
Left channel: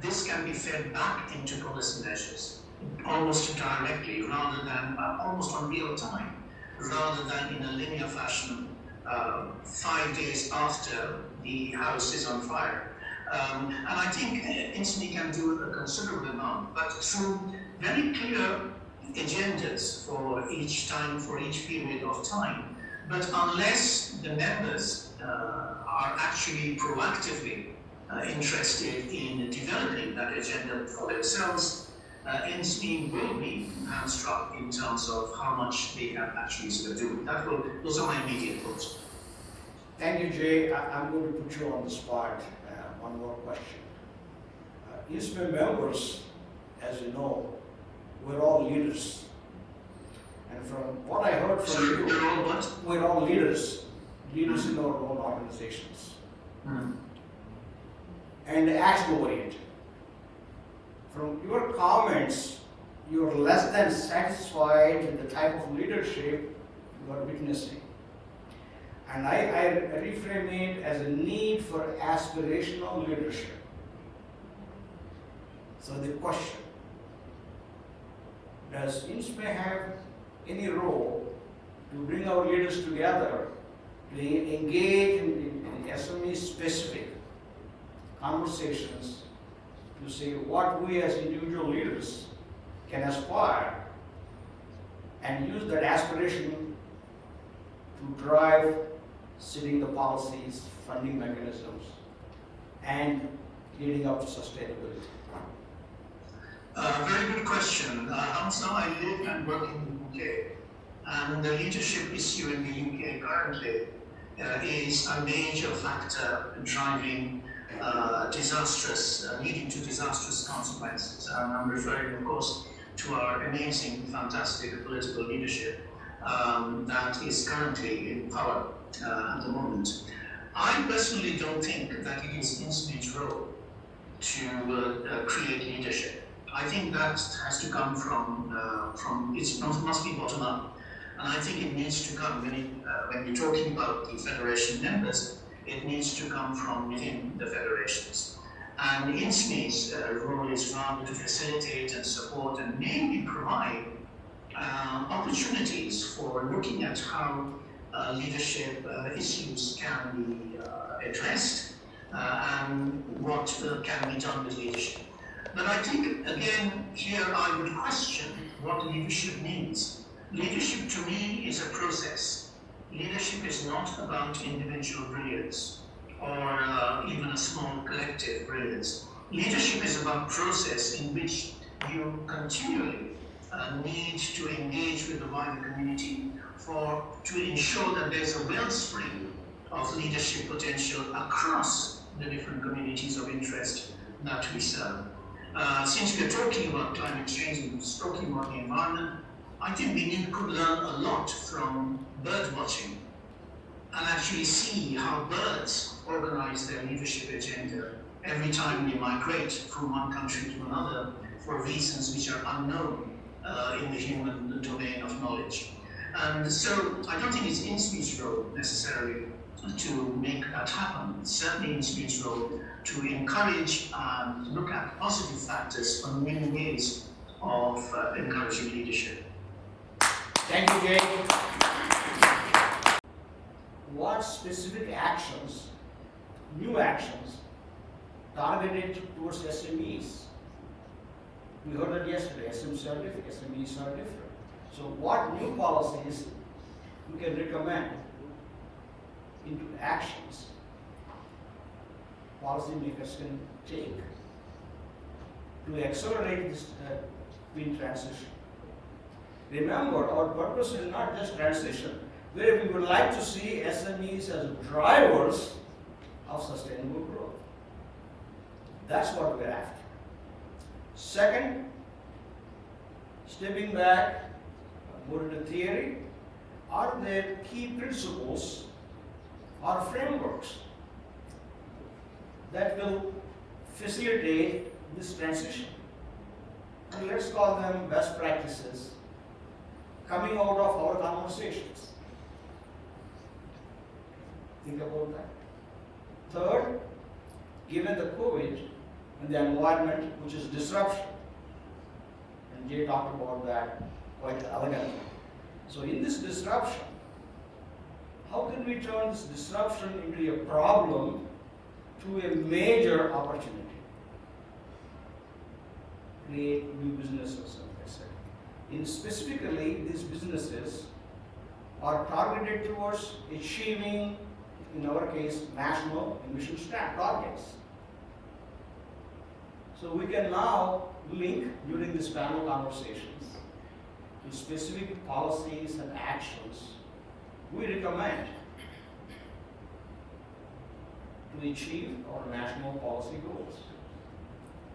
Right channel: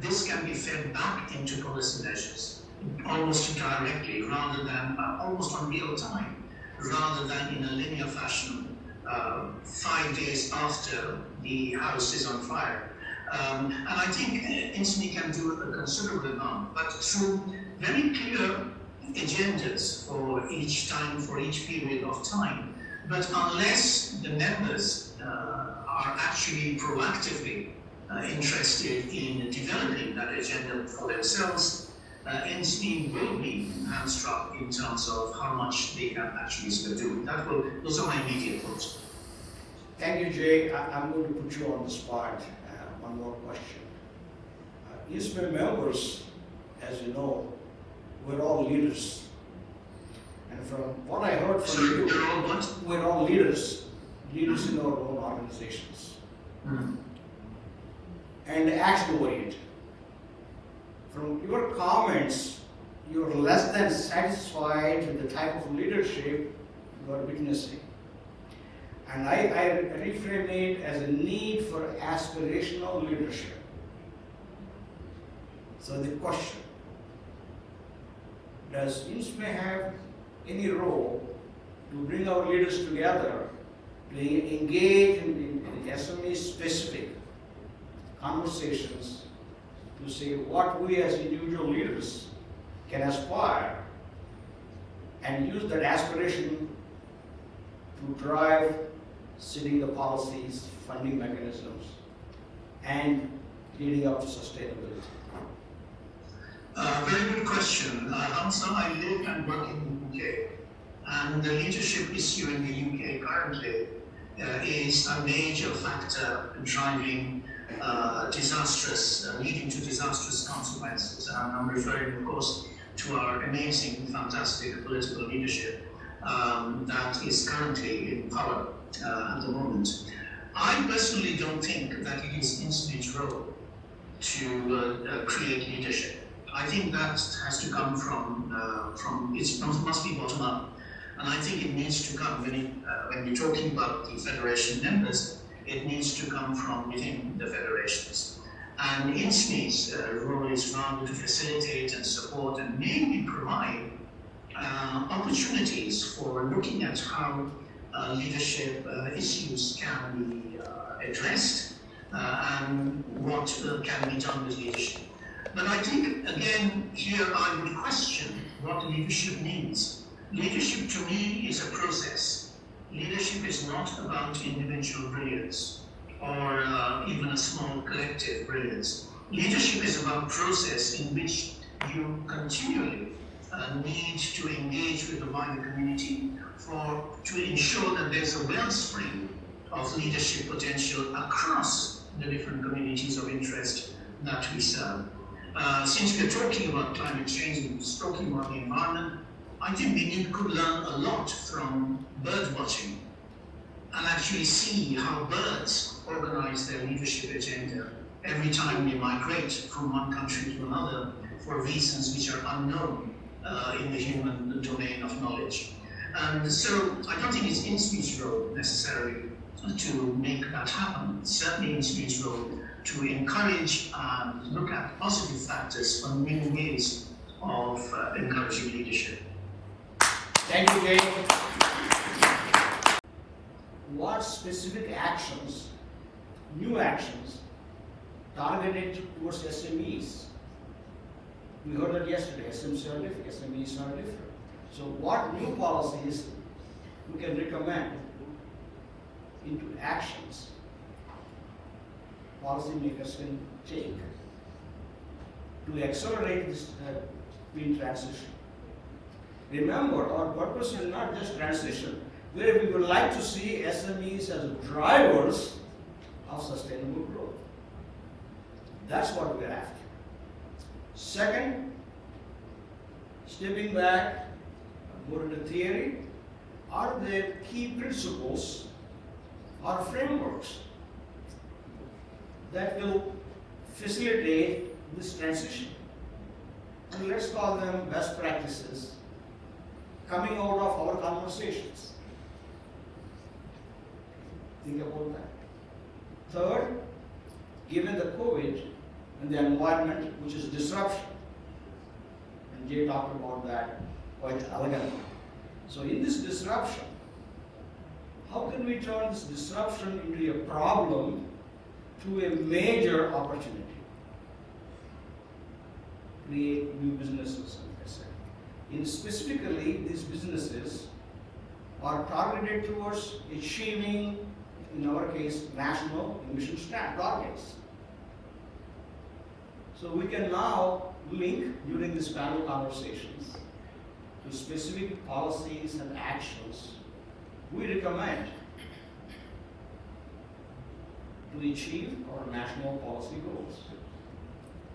this can be fed back into policy measures, almost directly, rather than almost on real time, rather than in a linear fashion 5 days after the house is on fire. And I think insme can do a considerable amount, but through very clear agendas for each time, for each period of time. But unless the members are actually proactively interested in developing that agenda for themselves, insme will be hamstrung in terms of how much they can actually sort of do. Those are my immediate thoughts. Thank you, Jay. I'm going to put you on the spot. One more question. insme members, as you know, we're all leaders. And from what I heard from you, we're all leaders in our own organizations. And action-oriented. From your comments, you're less than satisfied with the type of leadership you are witnessing. And I reframe it as a need for aspirational leadership. So the question, does insme have any role to bring our leaders together to engage in SME specific conversations to say what we as individual leaders can aspire and use that aspiration to drive setting the policies, funding mechanisms, and leading up to sustainability? Very good question. Hamza, I live and work in the UK, and the leadership issue in the UK currently is a major factor driving leading to disastrous consequences. I'm referring, of course, to our amazing, fantastic political leadership that is currently in power at the moment. I personally don't think that it is insme's role to create leadership. I think that has to come from it must be bottom up. And I think it needs to come, when we're talking about the federation members, it needs to come from within the federations. And insme's role is rather to facilitate and support and maybe provide opportunities for looking at how leadership issues can be addressed and what can be done with leadership. But I think, again, here I would question what leadership means. Leadership to me is a process. Leadership is not about individual brilliance or even a small collective brilliance. Leadership is about process in which you continually need to engage with the wider community to ensure that there's a wellspring of leadership potential across the different communities of interest that we serve. Since we're talking about climate change and talking about the environment, I think we could learn a lot from bird watching and actually see how birds organize their leadership agenda every time they migrate from one country to another for reasons which are unknown in the human domain of knowledge. And so I don't think it's insme's role necessarily to make that happen. It's certainly insme's role to encourage and look at positive factors from many ways of encouraging leadership. Thank you, Jay. What specific actions, new actions, targeted towards SMEs? We heard that yesterday, SMEs are different. So what new policies we can recommend into actions policymakers can take to accelerate this green transition? Remember, our purpose is not just transition, where we would like to see SMEs as drivers of sustainable growth. That's what we're after. Second, stepping back, more into theory, are there key principles or frameworks that will facilitate this transition? And let's call them best practices coming out of our conversations. Think about that. Third, given the COVID and the environment, which is disruption, and Jay talked about that quite elegantly. So in this disruption, how can we turn this disruption into a problem to a major opportunity? Create new businesses, like I said. Specifically, these businesses are targeted towards achieving, in our case, national emission targets. So we can now link during this panel conversations to specific policies and actions we recommend to achieve our national policy goals,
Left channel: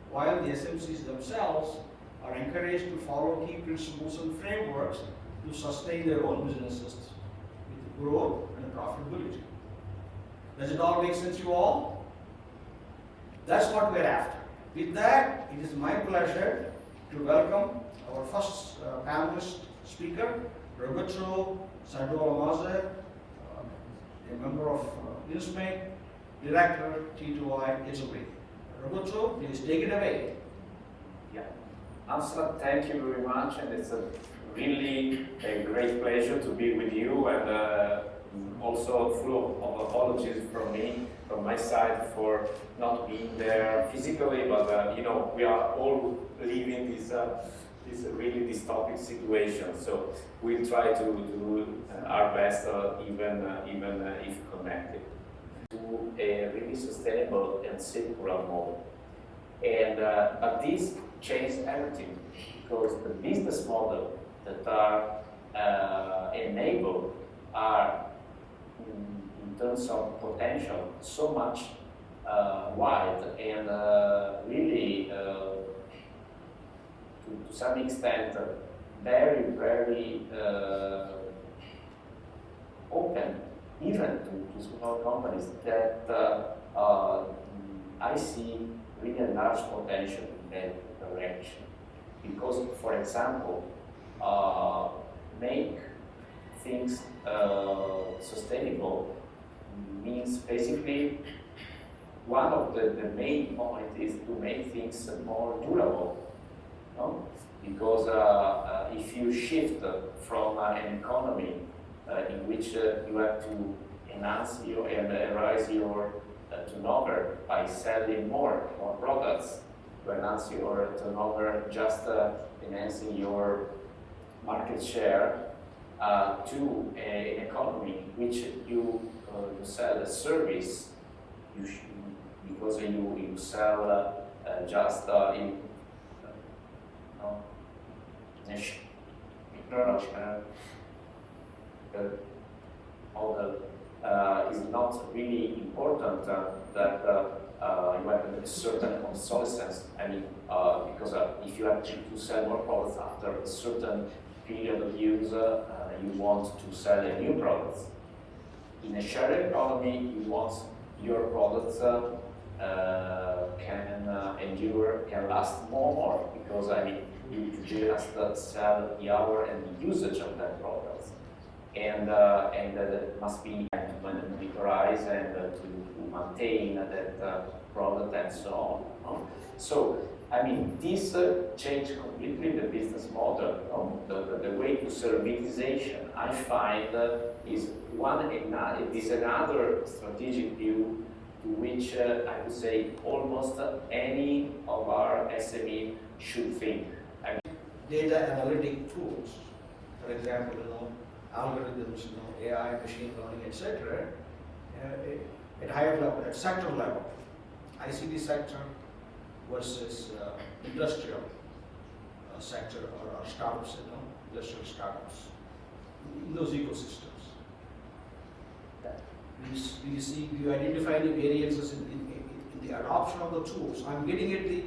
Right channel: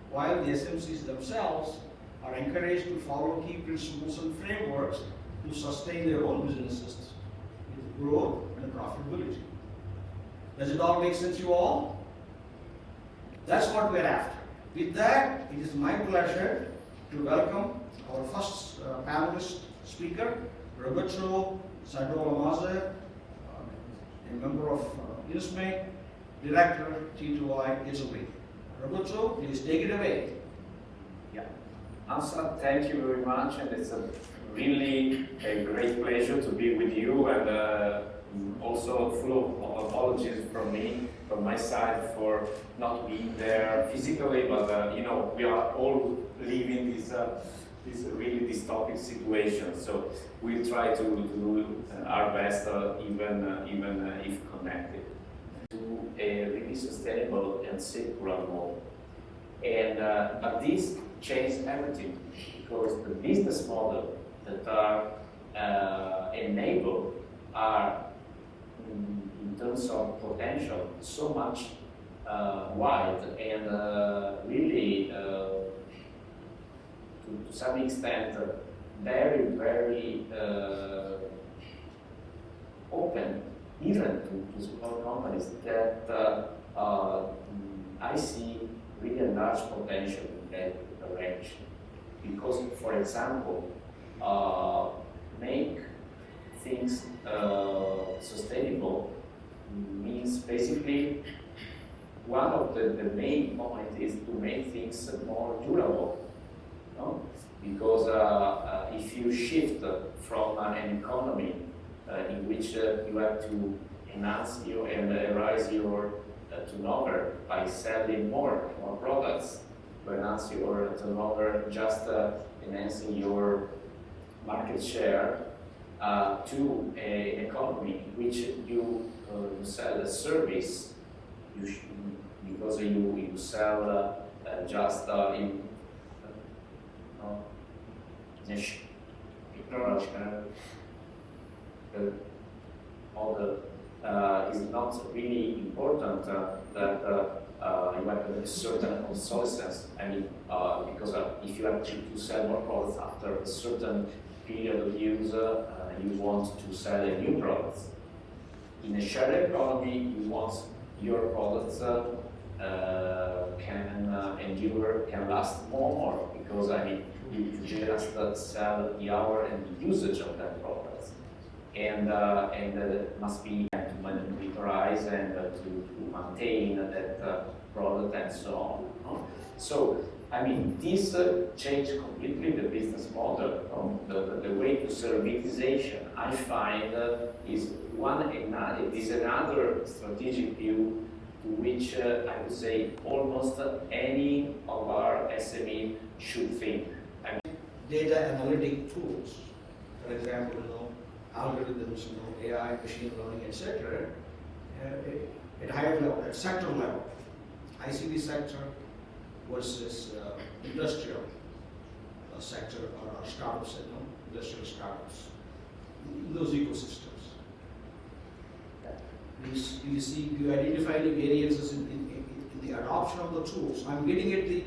while the SMCs themselves are encouraged to follow key principles and frameworks to sustain their own businesses with growth and profitability. Does it all make sense to you all? That's what we're after. With that, it is my pleasure to welcome our first panelist speaker, Roberto Sadolamaze, a member of insme, Director T2I Italy. Roberto, please take it away. Yeah. Ansel, thank you very much, and it's really a great pleasure to be with you, and also full of apologies from my side for not being there physically, but we are all living this really dystopic situation, so we'll try to do our best, even if connected, to a really sustainable and circular model. And but this changed everything, because the business model that are enabled are, in terms of potential, so much wide and really to to some extent very, very open, even to small companies, that I see really a large potential in that direction. Because, for example, make things sustainable means basically one of the main points is to make things more durable. No? Because if you shift from an economy in which you have to enhance your and raise your turnover by selling more products, to enhance your turnover just enhancing your market share, to an economy in which you sell a service, because you sell just in is not really important that you have a certain obsolescence. I mean, because if you have to sell more products after a certain period of use, you want to sell a new product. In a shared economy, you want your products can endure, can last more, because I mean, you just sell the hour and the usage of that product, and that must be monitorized and to maintain that product and so on. So I mean, this changed completely the business model. The way to servitization, I find, is another strategic view to which I would say almost any of our SME should think. Data analytic tools, for example, algorithms, AI, machine learning, etc. At higher level, at sector level, ICT sector versus industrial sector or startups, industrial startups, those ecosystems. Do you identify the variances in the adoption of the tools? I'm getting at the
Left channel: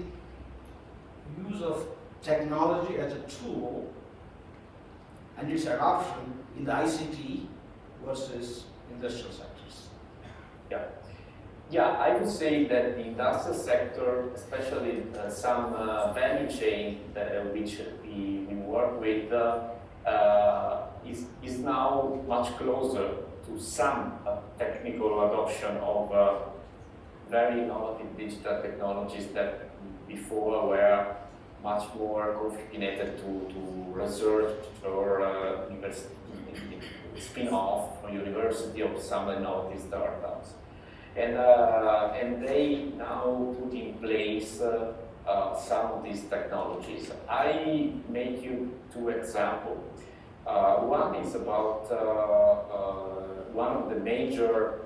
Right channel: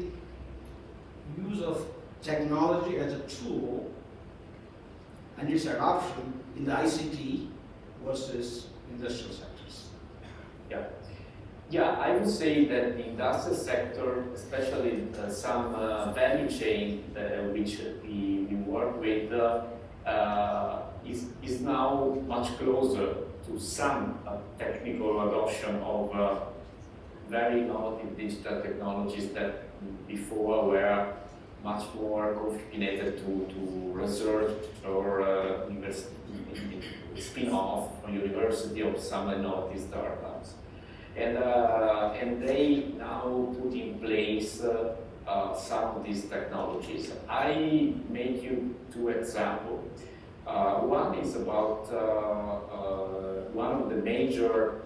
use of technology as a tool and its adoption in the ICT versus industrial sectors. Yeah, I would say that the industrial sector, especially some value chain which we work with, is now much closer to some technical adoption of very innovative digital technologies that before were much more confined to research or spin-off or university of some innovative startups. And they now put in place some of these technologies. I make you two examples. One is about one of the major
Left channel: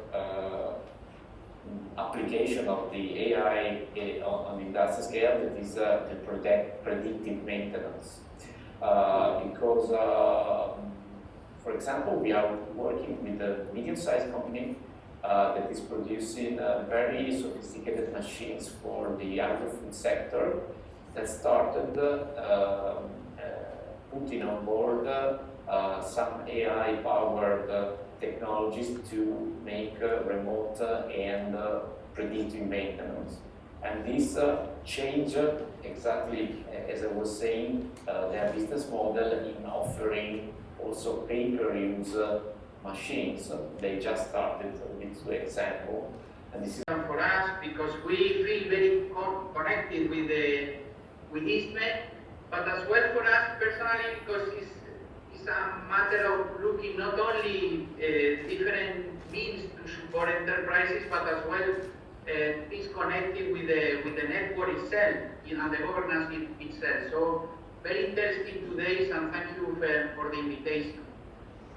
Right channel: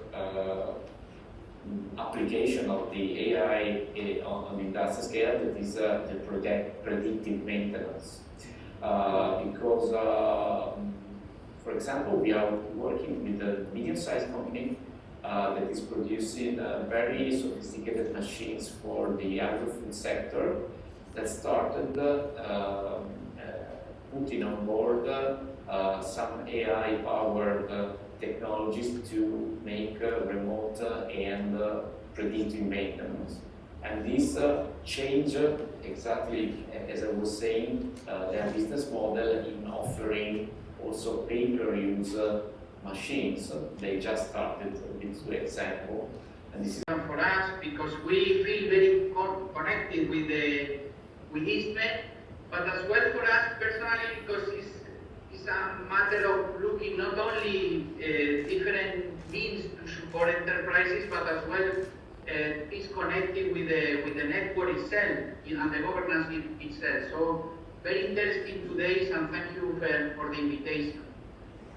application of the AI on the industrial scale, that is the predictive maintenance. Because, for example, we are working with a medium-sized company that is producing very sophisticated machines for the agri-food sector, that started putting on board some AI-powered technologies to make remote and predictive maintenance. And this changed, exactly as I was saying, their business model in offering also pay-per-use machines. They just started with two examples. And this is for us because we feel very connected with insme, but as well for us personally because it's a matter of looking not only different means to support enterprises, but as well is connected with the network itself and the governance itself. So very interesting today, and thank you for the invitation.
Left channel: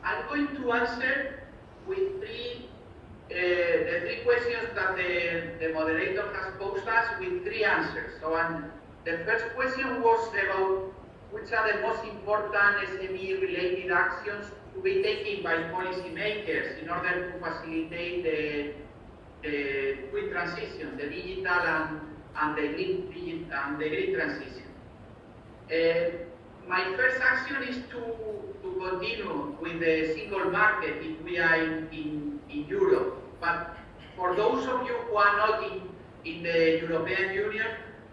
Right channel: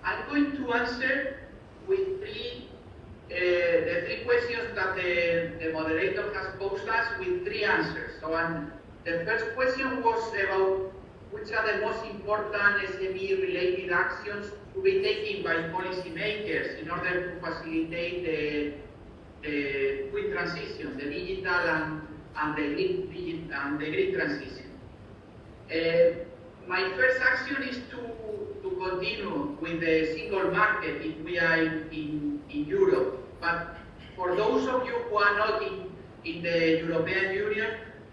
I'm going to answer with the three questions that the moderator has posed us with three answers. So the first question was about which are the most important SME-related actions to be taken by policymakers in order to facilitate the quick transition, the digital and the green transition. My first action is to continue with the single market if we are in Europe. But for those of you who are not in the European Union,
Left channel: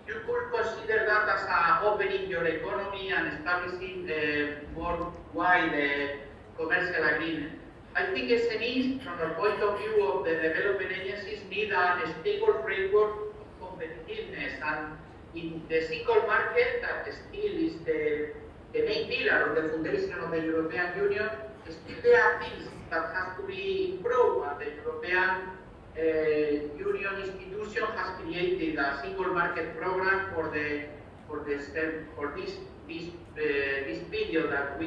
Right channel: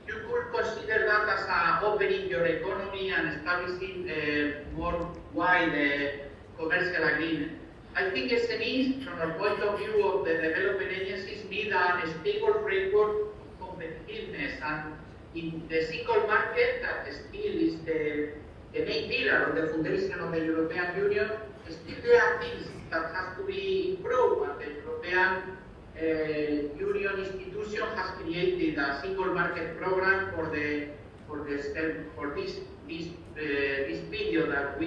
you could consider that as opening your economy and establishing a more wide commercial agreement. I think SMEs, from the point of view of the development agencies, need a stable framework of competitiveness, and in the single market, that still is the main pillar of the foundation of the European Union, still there are things that have to be improved, and the European Union institution has created a single market program for this period that we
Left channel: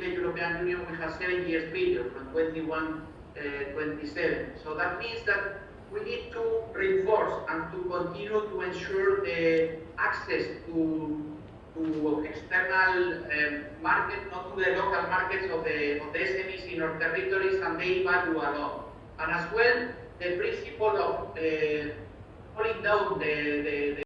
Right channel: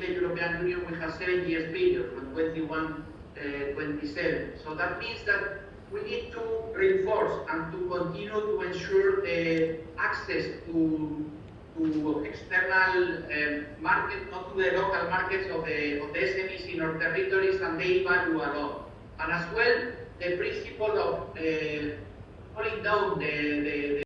the European Union, we have 7 years period from 21 27. So that means that we need to reinforce and to continue to ensure the access to external markets, not to the local markets of the SMEs in our territories, and they value a lot. And as well, the principle of pulling down the